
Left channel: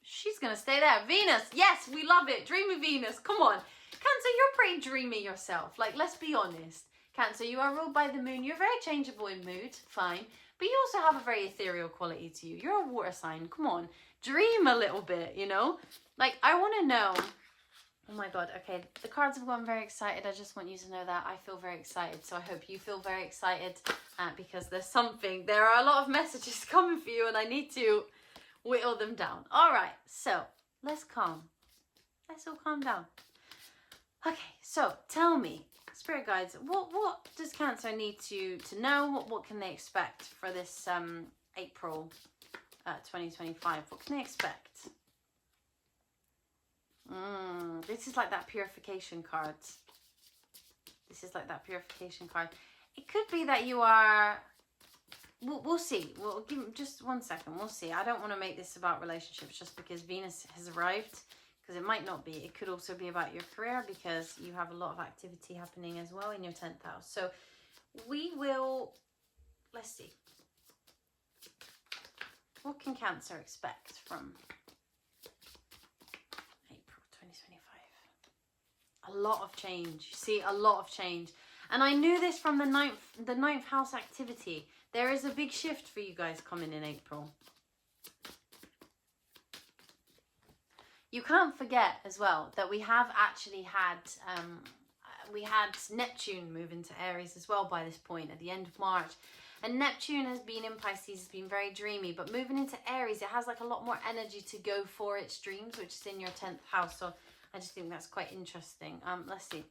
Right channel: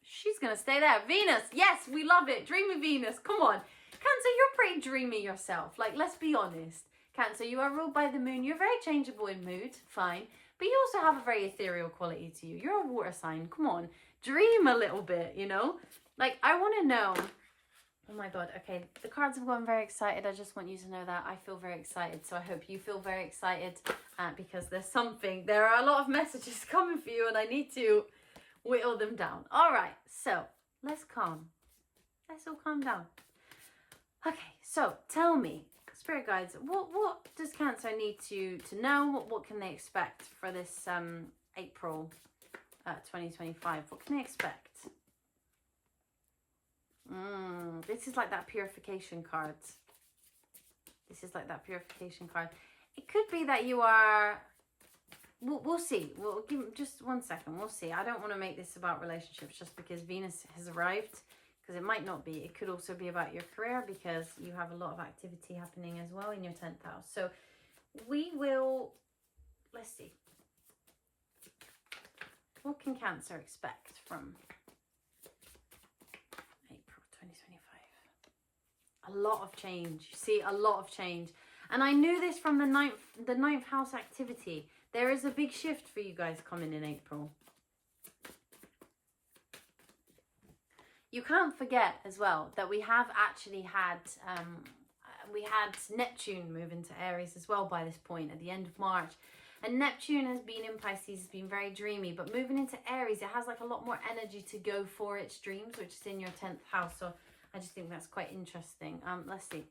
She's gonna stay there. Venus, yes, we love it. Dreamy Venus, come on. Cancer, you're pretty dreamy yourself. Like, let's be honest. Cancer, you are ruled by the moon. You're very changeable in mood, fine. But you also have a very ethereal quality to you. You're a water sign, come on. Dream a little bit, you know? Like, I want to know. Oh my God, okay. The cards have gotten very excited. I just want you to know that I feel very excited. So I hope you feel very excited because there are a lot of messages coming for you and I need to whittle them down. All right, so let's all calm down. Okay, so tell me, Spirit Guides, what does Cancer need to know? What can they expect for this April 2025? What can they expect? This is like that purification card. It could be that you are... We'll see. We'll give just 1 second. We'll see. I don't want to make this about relationships just because Venus has arrived, because it might not be. It could also be about your career because you have a lot of activity happening as well in your 10th house. So we will... Let's see. What can Cancer expect from April 2025? A lot of change. See, a lot of change. And I knew this from the ninth house activity. There is a big shift for you guys coming in April. You can't forget as well that we have actually had Neptune move into Aries as well by this point at the end of March. And Neptune has been in Pisces, has been very dreamy, but moving into Aries, it has like a lot more energy to go for its dreams, which is in your 10th house. So I just think that's quite interesting. Let's see.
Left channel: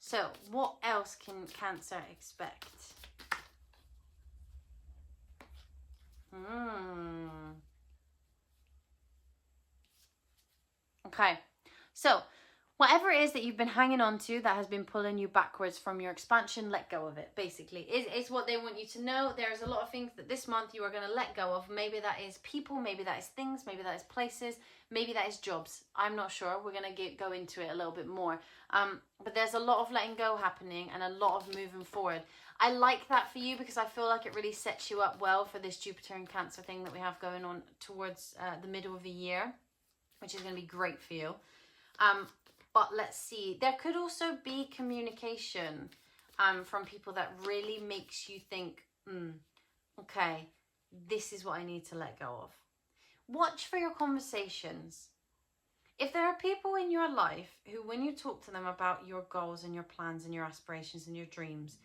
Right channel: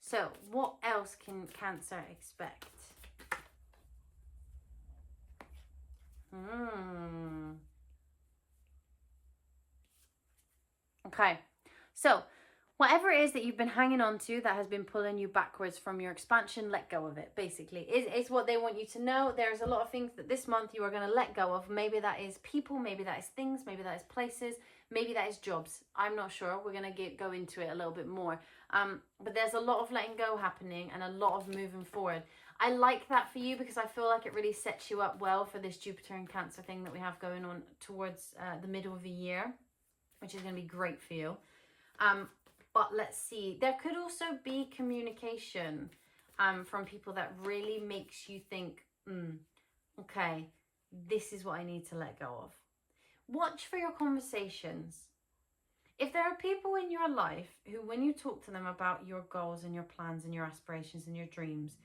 So what else can Cancer expect? Okay, so whatever it is that you've been hanging on to that has been pulling you backwards from your expansion, let go of it, basically. It's what they want you to know. There's a lot of things that this month you are going to let go of. Maybe that is people, maybe that is things, maybe that is places, maybe that is jobs. I'm not sure. We're going to go into it a little bit more. But there's a lot of letting go happening and a lot of moving forward. I like that for you because I feel like it really sets you up well for this Jupiter and Cancer thing that we have going on towards the middle of the year, which is going to be great for you. But let's see. There could also be communication from people that really makes you think, okay, this is what I need to let go of. Watch for your conversations. If there are people in your life who, when you talk to them about your goals and your plans and your aspirations and your dreams,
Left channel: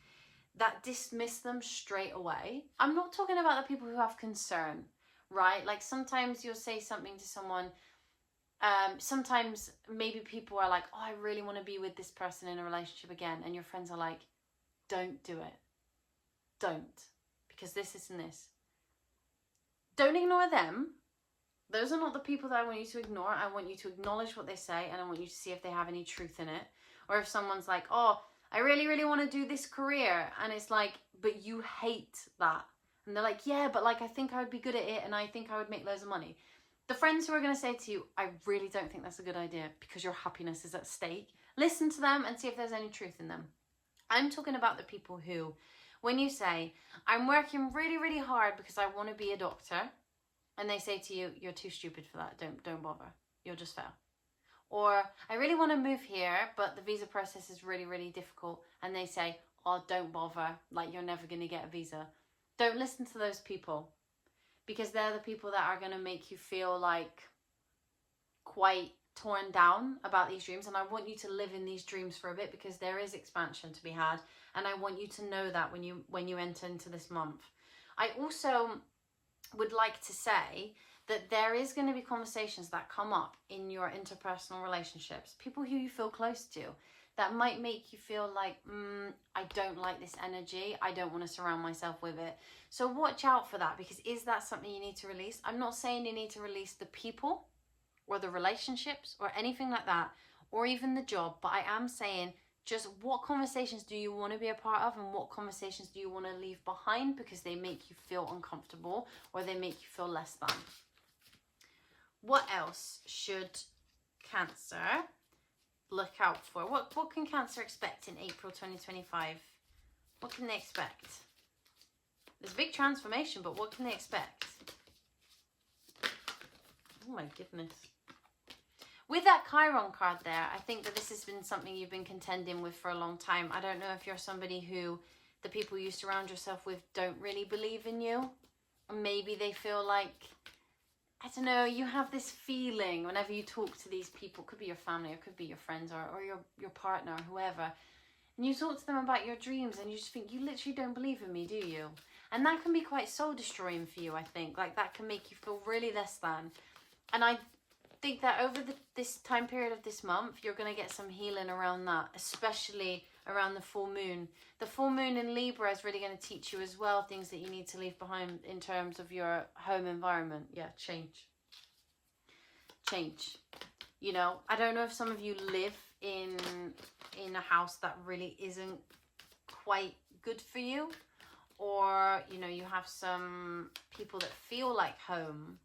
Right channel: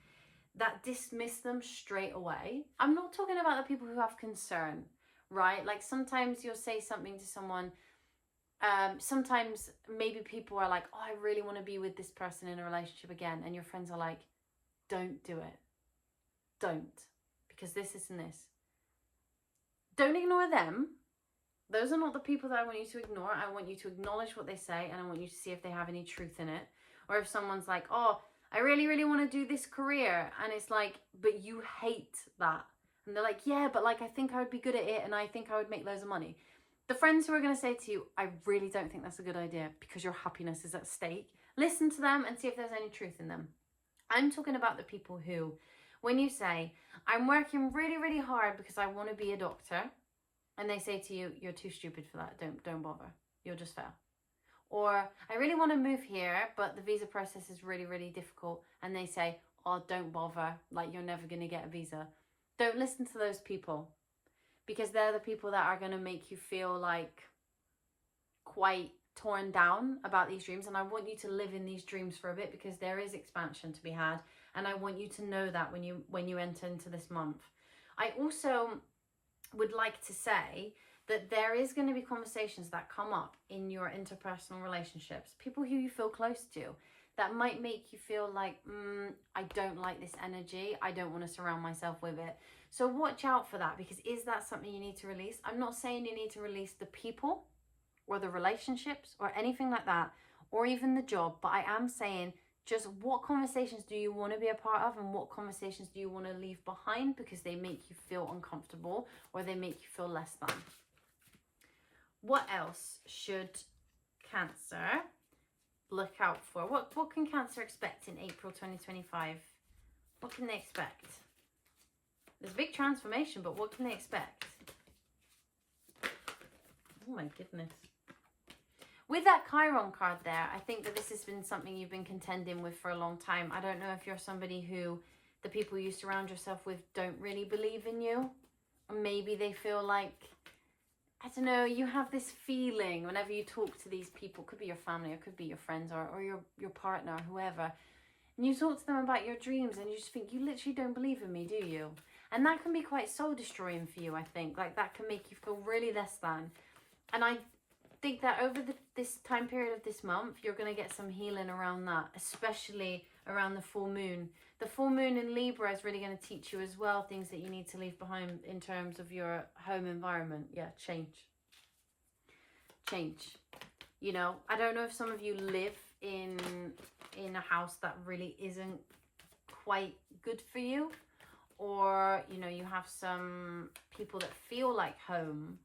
that dismiss them straight away. I'm not talking about the people who have concern, right? Like sometimes you'll say something to someone. Sometimes maybe people are like, oh, I really want to be with this person in a relationship again. And your friends are like, don't do it. Don't. Because this and this. Don't ignore them. Those are not the people that I want you to ignore. I want you to acknowledge what they say and I want you to see if they have any truth in it. Or if someone's like, oh, I really, really want to do this career. And it's like, but you hate that. And they're like, yeah, but like, I think I would be good at it and I think I would make loads of money. The friends who are going to say to you, I really don't think that's a good idea because your happiness is at stake. Listen to them and see if there's any truth in them. I'm talking about the people who, when you say, I'm working really, really hard because I want to be a doctor. And they say to you, you're too stupid for that. Don't bother. You'll just fail. Or I really want to move here, but the visa process is really, really difficult. And they say, oh, don't bother. Like you're never going to get a visa. Don't listen to those people. Because they're the people that are going to make you feel like quite torn down about these dreams. And I want you to live in these dreams for a bit because there is expansion to be had. And I want you to know that when you enter into this month. I also would like to say that there is going to be conversations that come up in your interpersonal relationships, people who you feel close to, that might make you feel like, I don't like this energy. I don't want to surround myself with it. So watch out for that, because is that something you need to release? I'm not saying you need to release the people or the relationships or anything like that, or even the job, but I am saying just what conversations do you want to be a part of, and what conversations do you want to leave behind because they make you feel uncomfortable or they make you feel less than. What else should Cancer look out for? What can Cancer expect in April 2025? What can they expect? There's a big transformation, but what can they expect? Oh my goodness. With that Chiron card there, I think that this has been something you've been contending with for a long time. I don't know if you're somebody who the people you surround yourself with don't really believe in you. Or maybe they feel like, I don't know, you have this feeling whenever you talk to these people, could be your family or could be your friends or your partner or whoever, and you talk to them about your dreams and you just think, you literally don't believe in me, do you? And that can be quite soul destroying for you, I think. Like, that can make you feel really less than. And I think that over this time period of this month, you're going to get some healing around that, especially around the full moon. The full moon in Libra is really going to teach you as well things that you need to leave behind in terms of your home environment. Yeah, change. You know, I don't know if some of you live in a house that really isn't quite good for you, or, you know, you have some people that feel like home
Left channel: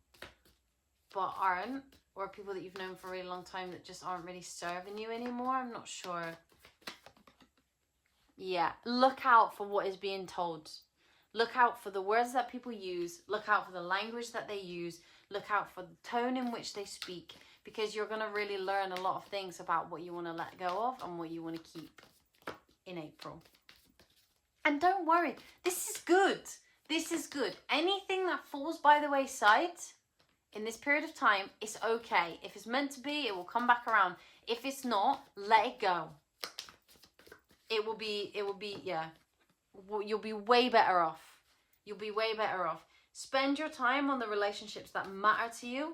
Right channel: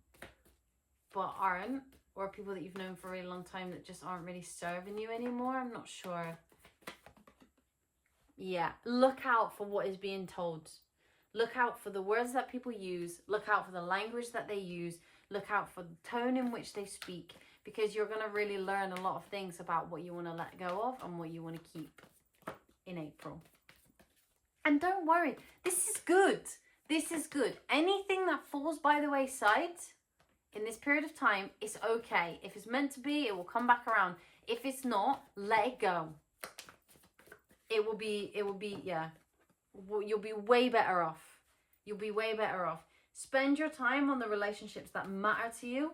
but aren't, or people that you've known for a really long time that just aren't really serving you anymore. I'm not sure. Yeah, look out for what is being told. Look out for the words that people use. Look out for the language that they use. Look out for the tone in which they speak, because you're going to really learn a lot of things about what you want to let go of and what you want to keep in April. And don't worry, this is good. This is good. Anything that falls by the wayside in this period of time is okay. If it's meant to be, it will come back around. If it's not, let it go. It will be, yeah. You'll be way better off. You'll be way better off. Spend your time on the relationships that matter to you.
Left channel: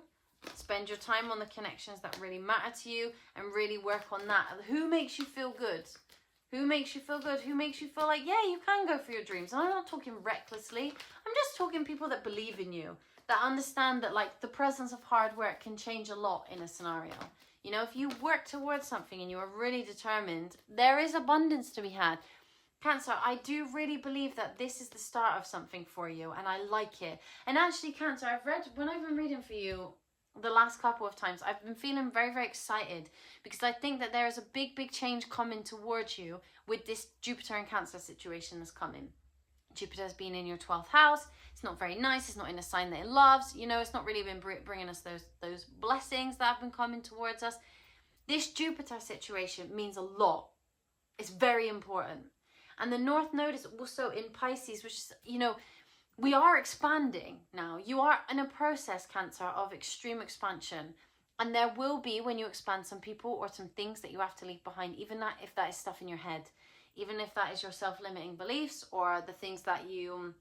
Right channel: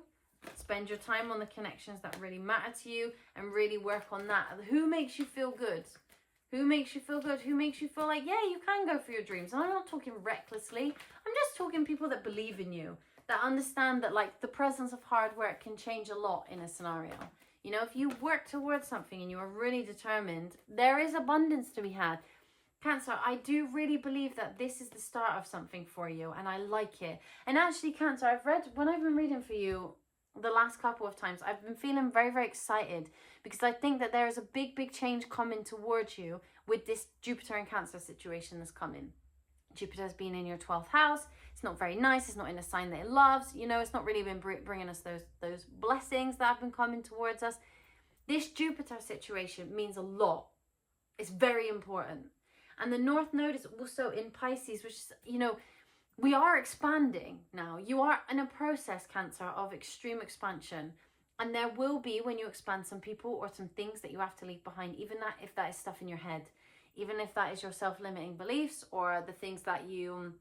Spend your time on the connections that really matter to you, and really work on that. Who makes you feel good? Who makes you feel good? Who makes you feel like, yeah, you can go for your dreams? And I'm not talking recklessly. I'm just talking people that believe in you, that understand that, like, the presence of hard work can change a lot in a scenario. You know, if you work towards something and you are really determined, there is abundance to be had. Cancer, I do really believe that this is the start of something for you, and I like it. And actually, Cancer, when I've been reading for you the last couple of times, I've been feeling very, very excited, because I think that there is a big, big change coming towards you with this Jupiter and Cancer situation that's coming. Jupiter's been in your 12th house. It's not very nice. It's not in a sign that it loves. You know, it's not really been bringing us those blessings that have been coming towards us. This Jupiter situation means a lot. It's very important. And the North Node is also in Pisces, which is, you know, we are expanding now. You are in a process, Cancer, of extreme expansion. And there will be, when you expand, some people or some things that you have to leave behind, even that if that is stuff in your head. Even if that is your self-limiting beliefs, or the things that you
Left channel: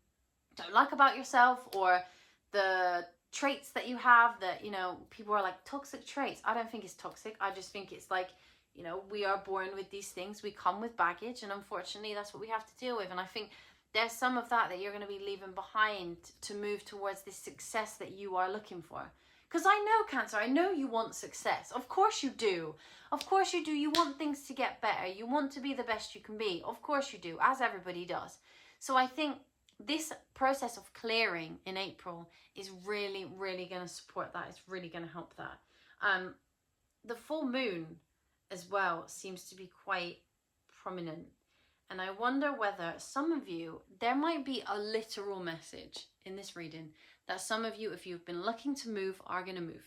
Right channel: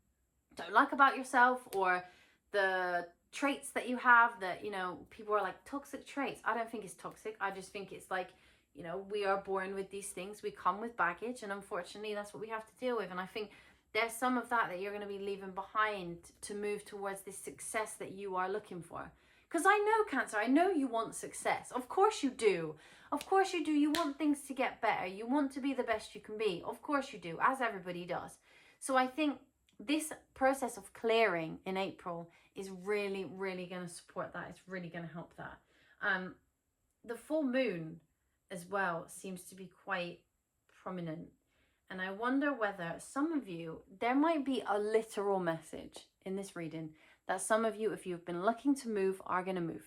don't like about yourself, or the traits that you have that, you know, people are like, toxic traits. I don't think it's toxic. I just think it's like, you know, we are born with these things. We come with baggage, and unfortunately that's what we have to deal with. And I think there's some of that you're going to be leaving behind to move towards this success that you are looking for. Because I know, Cancer, I know you want success. Of course you do. Of course you do. You want things to get better. You want to be the best you can be. Of course you do, as everybody does. So I think this process of clearing in April is really, really going to support that. It's really going to help that. The full moon as well seems to be quite prominent. And I wonder whether some of you, there might be a literal message in this reading that some of you, if you've been looking to move, are going to move.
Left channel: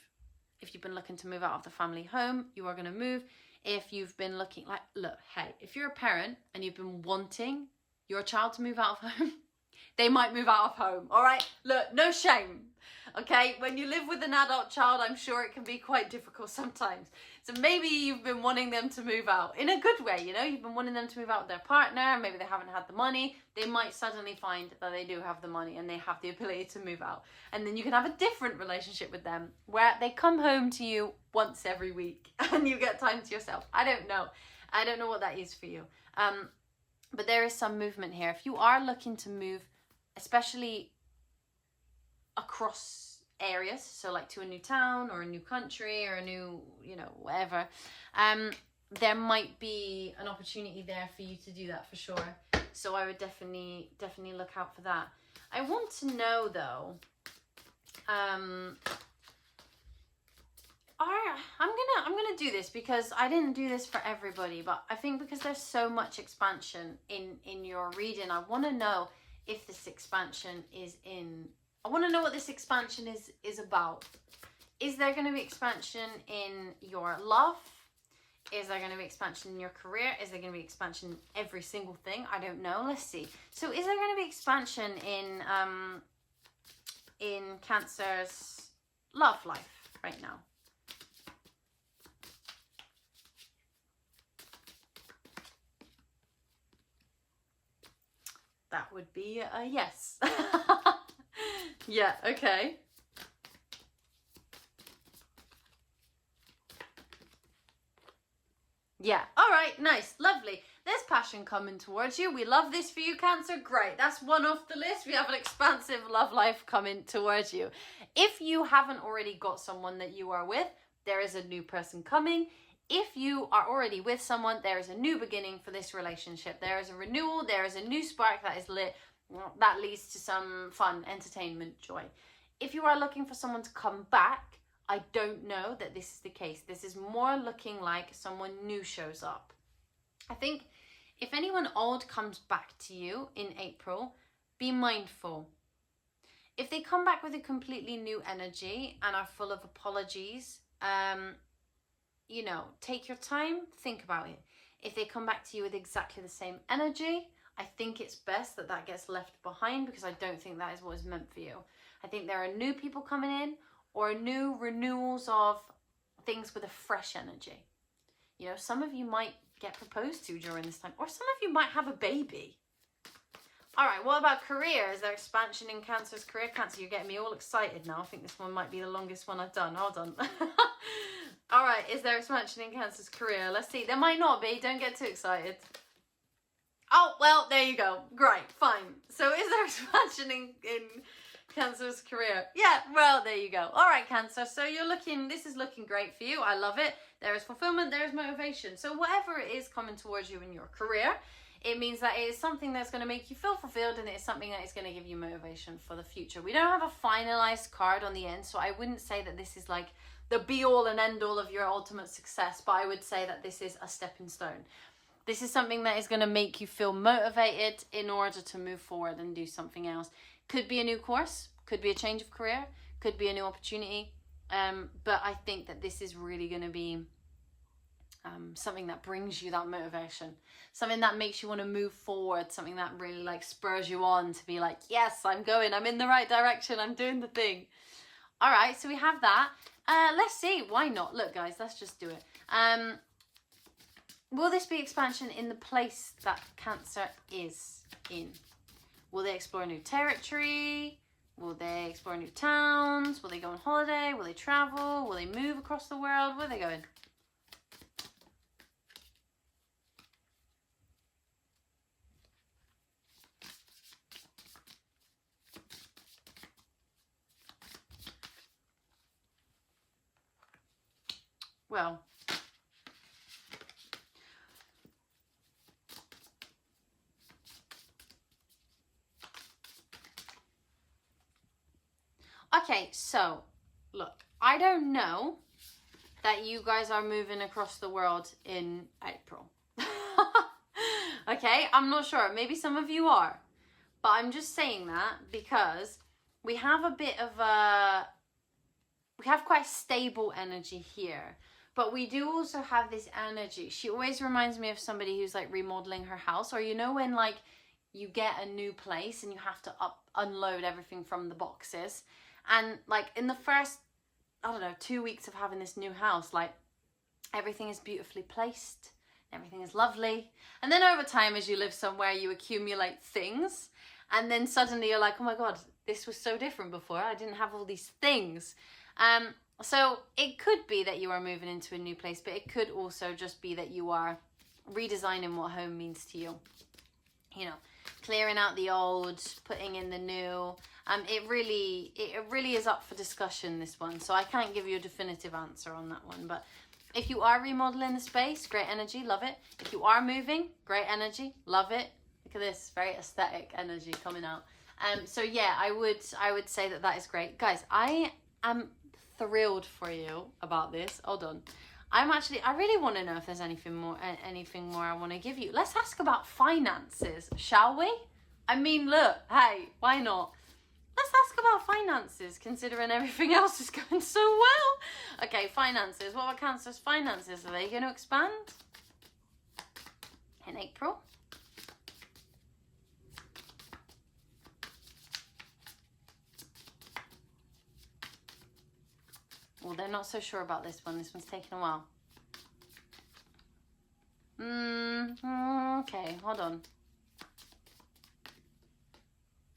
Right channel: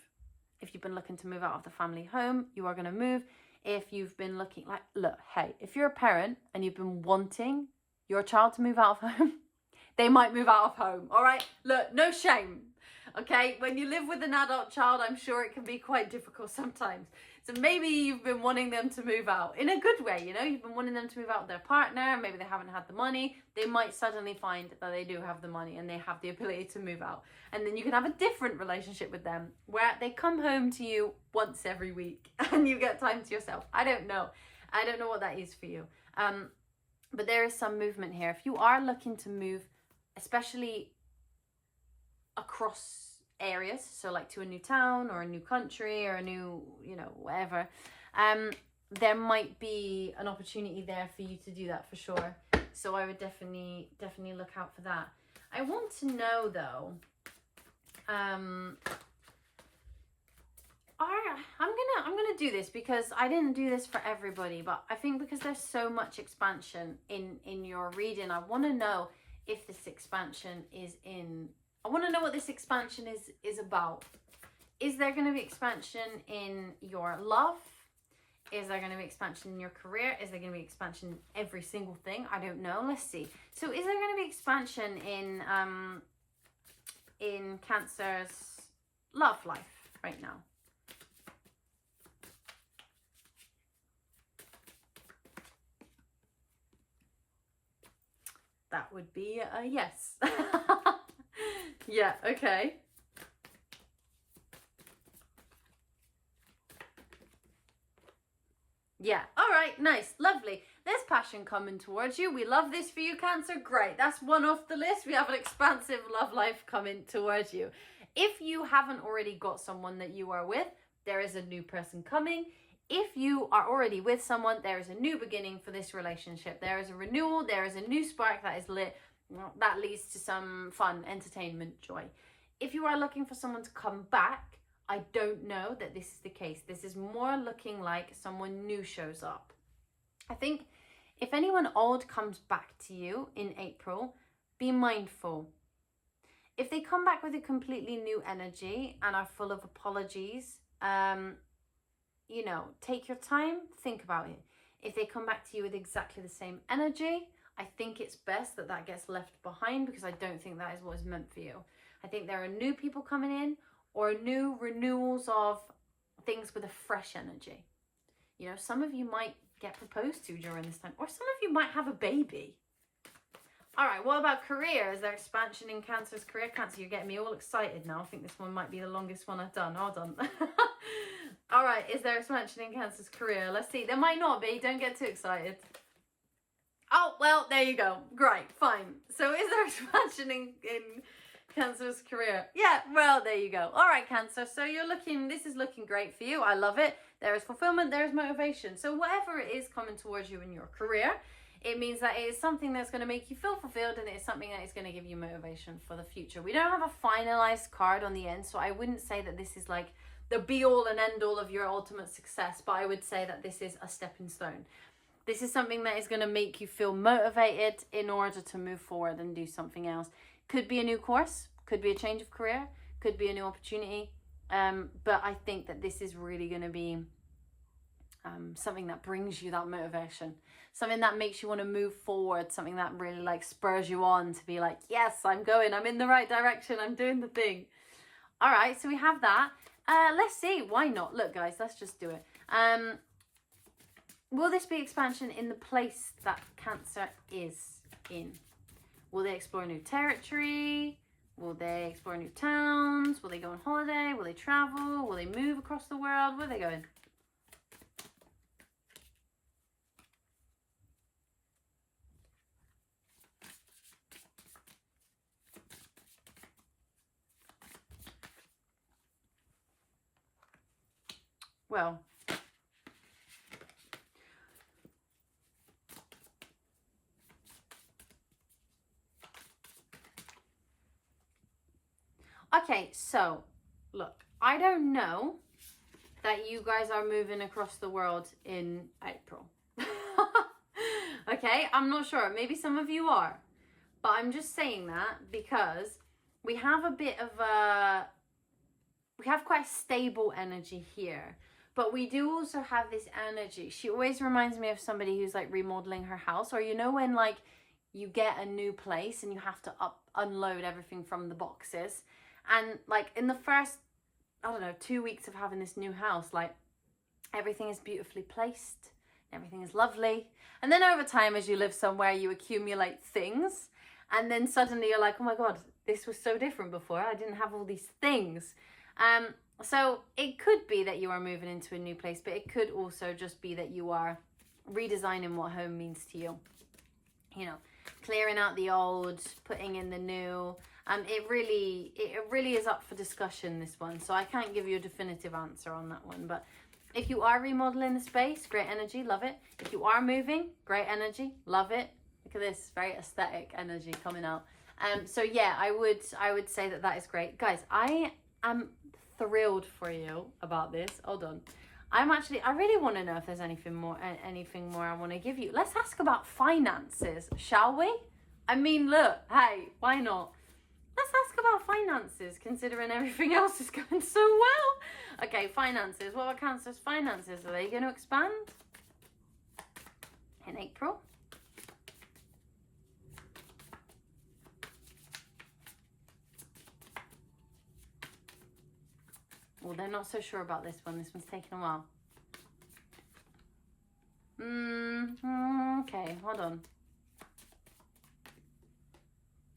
If you've been looking to move out of the family home, you are going to move. If you've been looking, like, look, hey, if you're a parent and you've been wanting your child to move out of home, they might move out of home. All right, look, no shame. Okay, when you live with an adult child, I'm sure it can be quite difficult sometimes. So maybe you've been wanting them to move out in a good way, you know, you've been wanting them to move out with their partner, maybe they haven't had the money, they might suddenly find that they do have the money and they have the ability to move out. And then you can have a different relationship with them where they come home to you once every week and you get time to yourself. I don't know what that is for you. But there is some movement here. If you are looking to move, especially across areas, so like to a new town or a new country or a new, you know, whatever, there might be an opportunity there for you to do that for sure. So I would definitely look out for that. I want to know though, I'm gonna do this because I didn't do this for everybody, but I think because there's so much expansion in your reading, I want to know if this expansion is in. I want to know what this expansion is about. Is there going to be expansion in your love? Is there going to be expansion in your career? Is there going to be expansion in every single thing? I don't know. Let's see. So is there going to be expansion in Cancer's love life right now? That would be a yes. Yeah, okay. Yeah, all right, nice, lovely. There's passion coming towards you. We love this for you, Cancer. Great, that's one off the list. We have an expansive love life coming towards you. If you haven't already got someone that you are with, there is a new person coming. If you are already with someone, there is a new beginning for this relationship. There is a renewal, there is a new spark that is lit. That leads to some fun, entertainment, joy. If you are looking for someone to come back, I don't know that this is the case. This is more looking like someone new shows up. I think if anyone old comes back to you in April, be mindful. If they come back with a completely new energy and are full of apologies, you know, take your time, think about it. If they come back to you with exactly the same energy, I think it's best that that gets left behind because I don't think that is what is meant for you. I think there are new people coming in or new renewals of things with a fresh energy. You know, some of you might get proposed to during this time or some of you might have a baby. All right, what about career? Is there expansion in Cancer's career? Cancer, you're getting me all excited now. I think this one might be the longest one I've done. Hold on. All right, is there expansion in Cancer's career? Let's see. There might not be. Don't get too excited. Oh, well, there you go. Great, fine. So is there expansion in Cancer's career? Yeah, well, there you go. All right, Cancer. So this is looking great for you. I love it. There is fulfillment. There is motivation. So whatever it is coming towards you in your career, it means that it is something that's going to make you feel fulfilled and it is something that is going to give you motivation for the future. We don't have a finalized card on the end, so I wouldn't say that this is like the be-all and end-all of your ultimate success, but I would say that this is a stepping stone. This is something that is going to make you feel motivated in order to move forward and do something else. Could be a new course, could be a change of career, could be a new opportunity. But I think that this is really going to be something that brings you that motivation, something that makes you want to move forward, something that really like spurs you on to be like, yes, I'm in the right direction, I'm doing the thing. All right, so we have that. Let's see, why not? Look, guys, let's just do it. Will this be expansion in the place that Cancer is in? Will they explore new territory? Will they explore new towns? Will they go on holiday? Will they travel? Will they move across the world? Where are they going? Well, okay, so look, I don't know that you guys are moving across the world in April. Okay, I'm not sure. Maybe some of you are. But I'm just saying that because we have a bit of we have quite stable energy here. But we do also have this energy. She always reminds me of somebody who's like remodeling her house. Or you know when like you get a new place and you have to unload everything from the boxes. And like in the first, I don't know, 2 weeks of having this new house, like everything is beautifully placed, everything is lovely. And then over time, as you live somewhere, you accumulate things. And then suddenly you're like, oh my God, this was so different before. I didn't have all these things. So it could be that you are moving into a new place, but it could also just be that you are redesigning what home means to you. You know, clearing out the old, putting in the new. It really is up for discussion, this one. So I can't give you a definitive answer on that one. But if you are remodeling the space, great energy, love it. If you are moving, great energy, love it. Look at this, very aesthetic energy coming out. So yeah, I would say that is great. Guys, I am thrilled for you about this. Hold on. I really want to know if there's anything more I want to give you. Let's ask about finances, shall we? I mean, look, hey, why not? Let's ask about finances, considering everything else is going so well. Okay, finances. What are Cancer's finances? Are they going to expand in April? Well, they're not so sure about this one. This one's taking a while. Okay, hold on.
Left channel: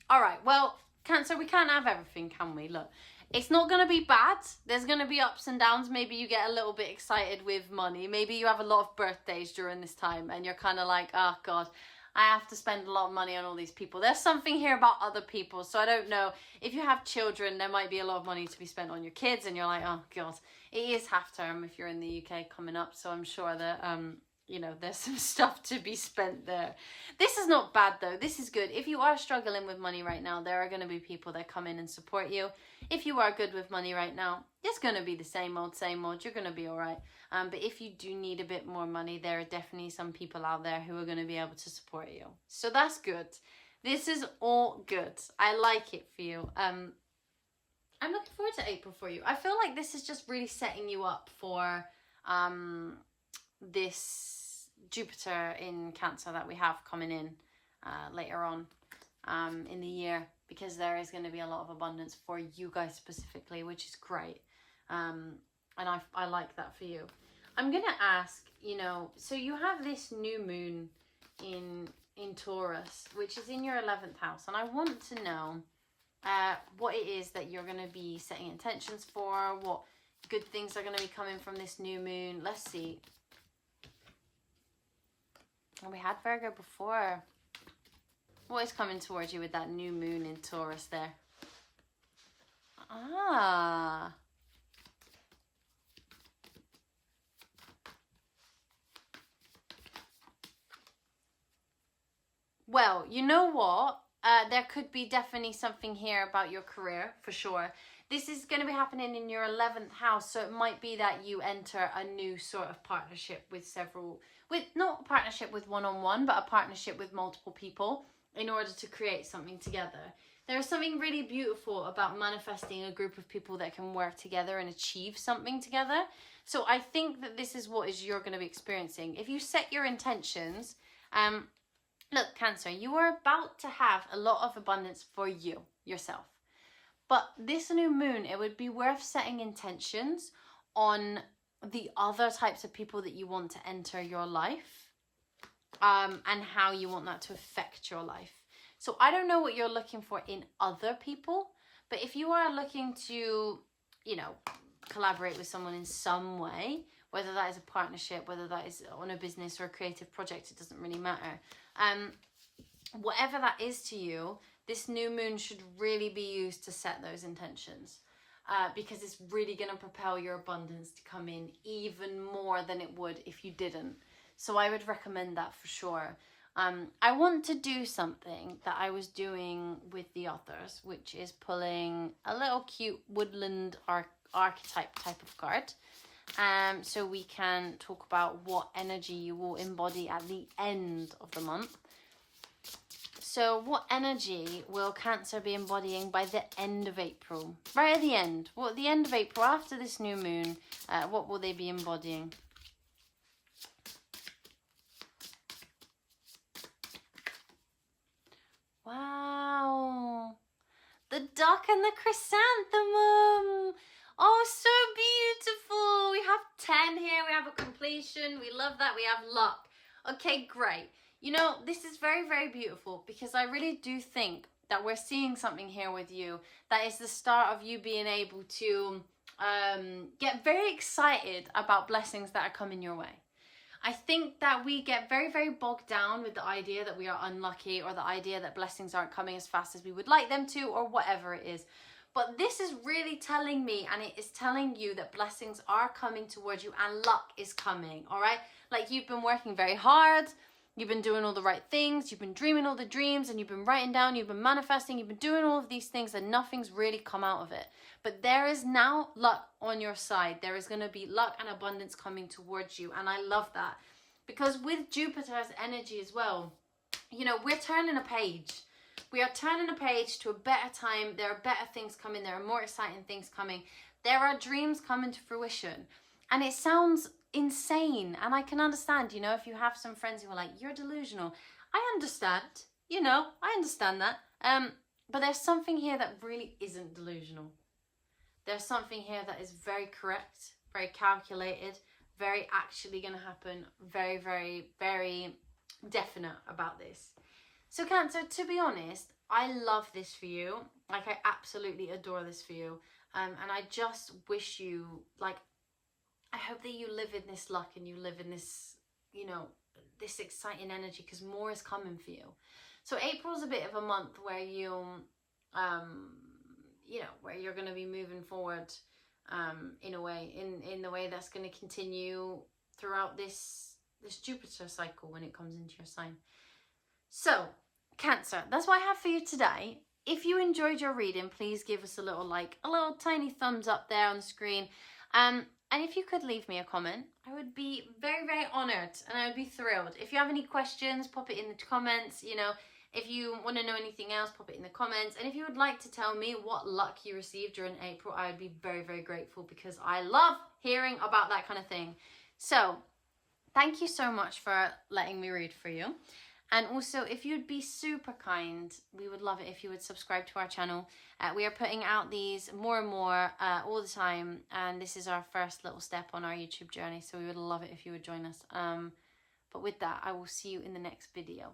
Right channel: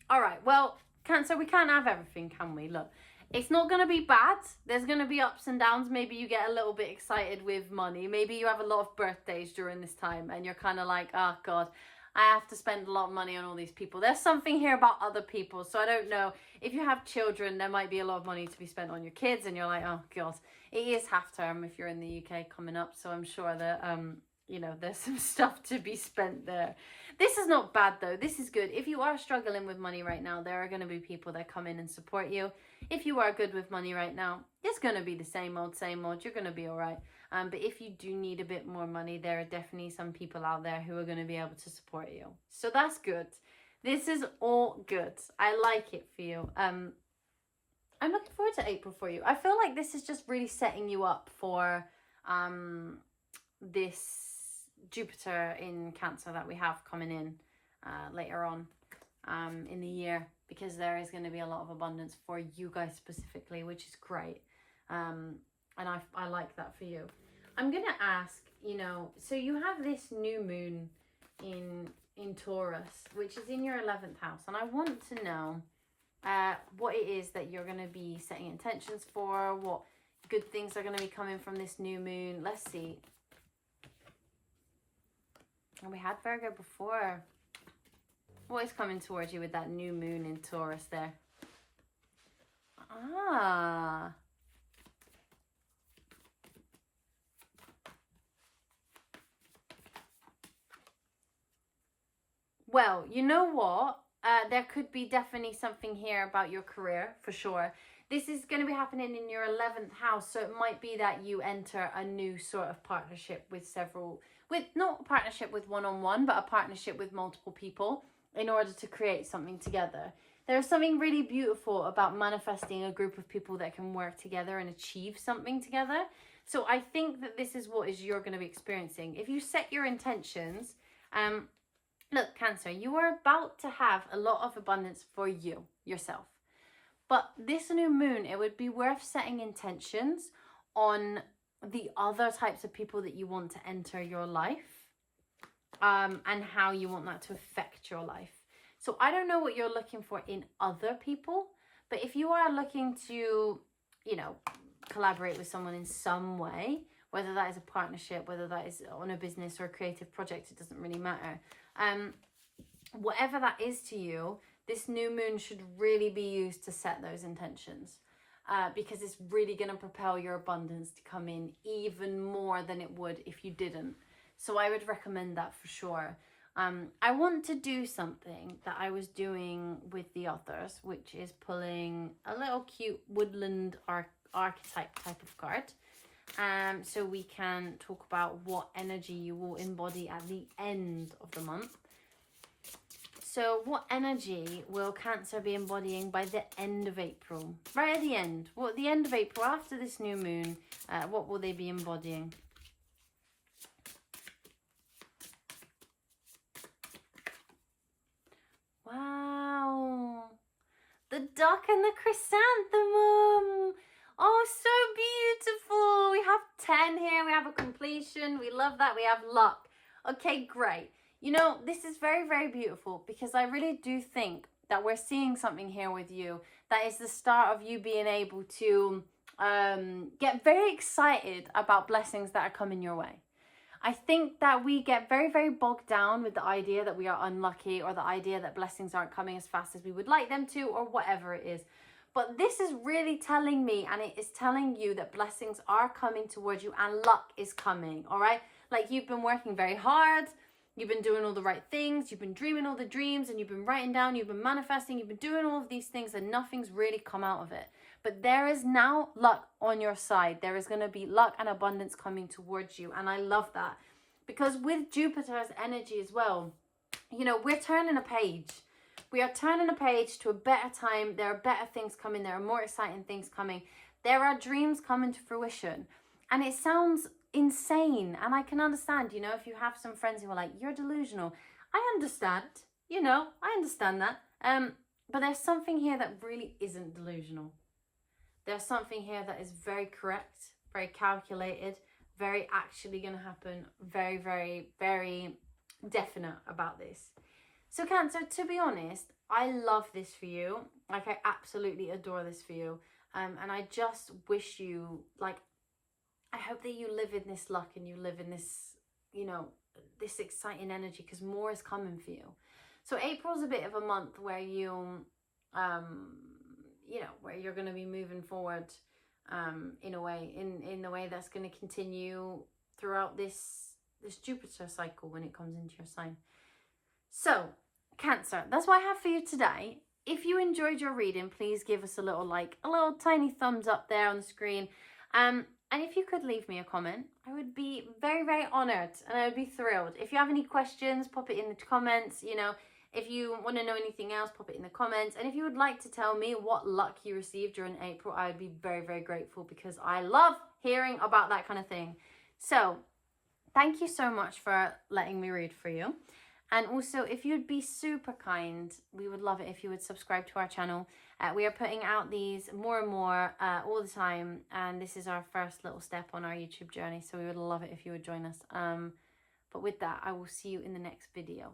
All right, well, Cancer, we can't have everything, can we? Look, it's not going to be bad. There's going to be ups and downs. Maybe you get a little bit excited with money. Maybe you have a lot of birthdays during this time and you're kind of like, oh, God, I have to spend a lot of money on all these people. There's something here about other people. So I don't know. If you have children, there might be a lot of money to be spent on your kids. And you're like, oh, God, it is half term if you're in the UK coming up. So I'm sure that, you know, there's some stuff to be spent there. This is not bad, though. This is good. If you are struggling with money right now, there are going to be people that come in and support you. If you are good with money right now, it's going to be the same old, same old. You're going to be all right. But if you do need a bit more money, there are definitely some people out there who are going to be able to support you. So that's good. This is all good. I like it for you. I'm looking forward to April for you. I feel like this is just really setting you up for this Jupiter in Cancer that we have coming in later on in the year, because there is going to be a lot of abundance for you guys specifically, which is great. And I like that for you. I'm going to ask, you know, so you have this new moon in Taurus, which is in your 11th house. And I want to know what it is that you're going to be setting intentions for, what good things are going to be coming from this new moon. Let's see. And we had Virgo before. What is coming towards you with that new moon in Taurus there? Ah. Well, you know what? There could be definitely something here about your career, for sure. This is going to be happening in your 11th house, so it might be that you enter a new sort of partnership with not a partnership with one-on-one, but a partnership with multiple people in order to create something together. There's something really beautiful about manifesting a group of people that can work together and achieve something together. So I think that this is what you're going to be experiencing. If you set your intentions, look, Cancer, you are about to have a lot of abundance for you, yourself. But this new moon, it would be worth setting intentions on the other types of people that you want to enter your life, and how you want that to affect your life. So I don't know what you're looking for in other people, but if you are looking to, you know, collaborate with someone in some way, whether that is a partnership, whether that is on a business or a creative project, it doesn't really matter. Whatever that is to you, this new moon should really be used to set those intentions, because it's really going to propel your abundance to come in even more than it would if you didn't. So I would recommend that for sure. I want to do something that I was doing with the others, which is pulling a little cute woodland archetype type of card. So we can talk about what energy you will embody at the end of the month. So what energy will Cancer be embodying by the end of April? Right at the end. Well, at the end of April, after this new moon, what will they be embodying? duck and the chrysanthemum. Oh, so beautiful. We have 10 here. We have a completion. We love that. We have luck. Okay, great. You know, this is very, very beautiful because I really do think that we're seeing something here with you that is the start of you being able to get very excited about blessings that are coming your way. I think that we get very, very bogged down with the idea that we are unlucky or the idea that blessings aren't coming as fast as we would like them to or whatever it is. But this is really telling me, and it is telling you that blessings are coming towards you and luck is coming, all right? Like you've been working very hard, you've been doing all the right things, you've been dreaming all the dreams, and you've been writing down, you've been manifesting, you've been doing all of these things, and nothing's really come out of it. But there is now luck on your side. There is going to be luck and abundance coming towards you, and I love that. Because with Jupiter's energy as well, you know, we're turning a page. We are turning a page to a better time. There are better things coming. There are more exciting things coming. There are dreams coming to fruition. And it sounds insane. And I can understand, you know, if you have some friends who are like, you're delusional. I understand, you know, I understand that. But there's something here that really isn't delusional. There's something here that is very correct, very calculated, very actually going to happen, very, very, very definite about this. So Cancer, to be honest, I love this for you. Like, I absolutely adore this for you. And I just wish you, like, I hope that you live in this luck and you live in this, you know, this exciting energy, because more is coming for you. So April's a bit of a month where you, you know, where you're going to be moving forward in a way, in the way that's going to continue throughout this Jupiter cycle when it comes into your sign. So, Cancer, that's what I have for you today. If you enjoyed your reading, please give us a little like, a little tiny thumbs up there on the screen. And if you could leave me a comment, I would be very, very honoured and I would be thrilled. If you have any questions, pop it in the comments, you know. If you want to know anything else, pop it in the comments. And if you would like to tell me what luck you received during April, I would be very, very grateful because I love hearing about that kind of thing. So, thank you so much for letting me read for you. And also, if you'd be super kind, we would love it if you would subscribe to our channel. We are putting out these more and more all the time. And this is our first little step on our YouTube journey. So we would love it if you would join us. But with that, I will see you in the next video.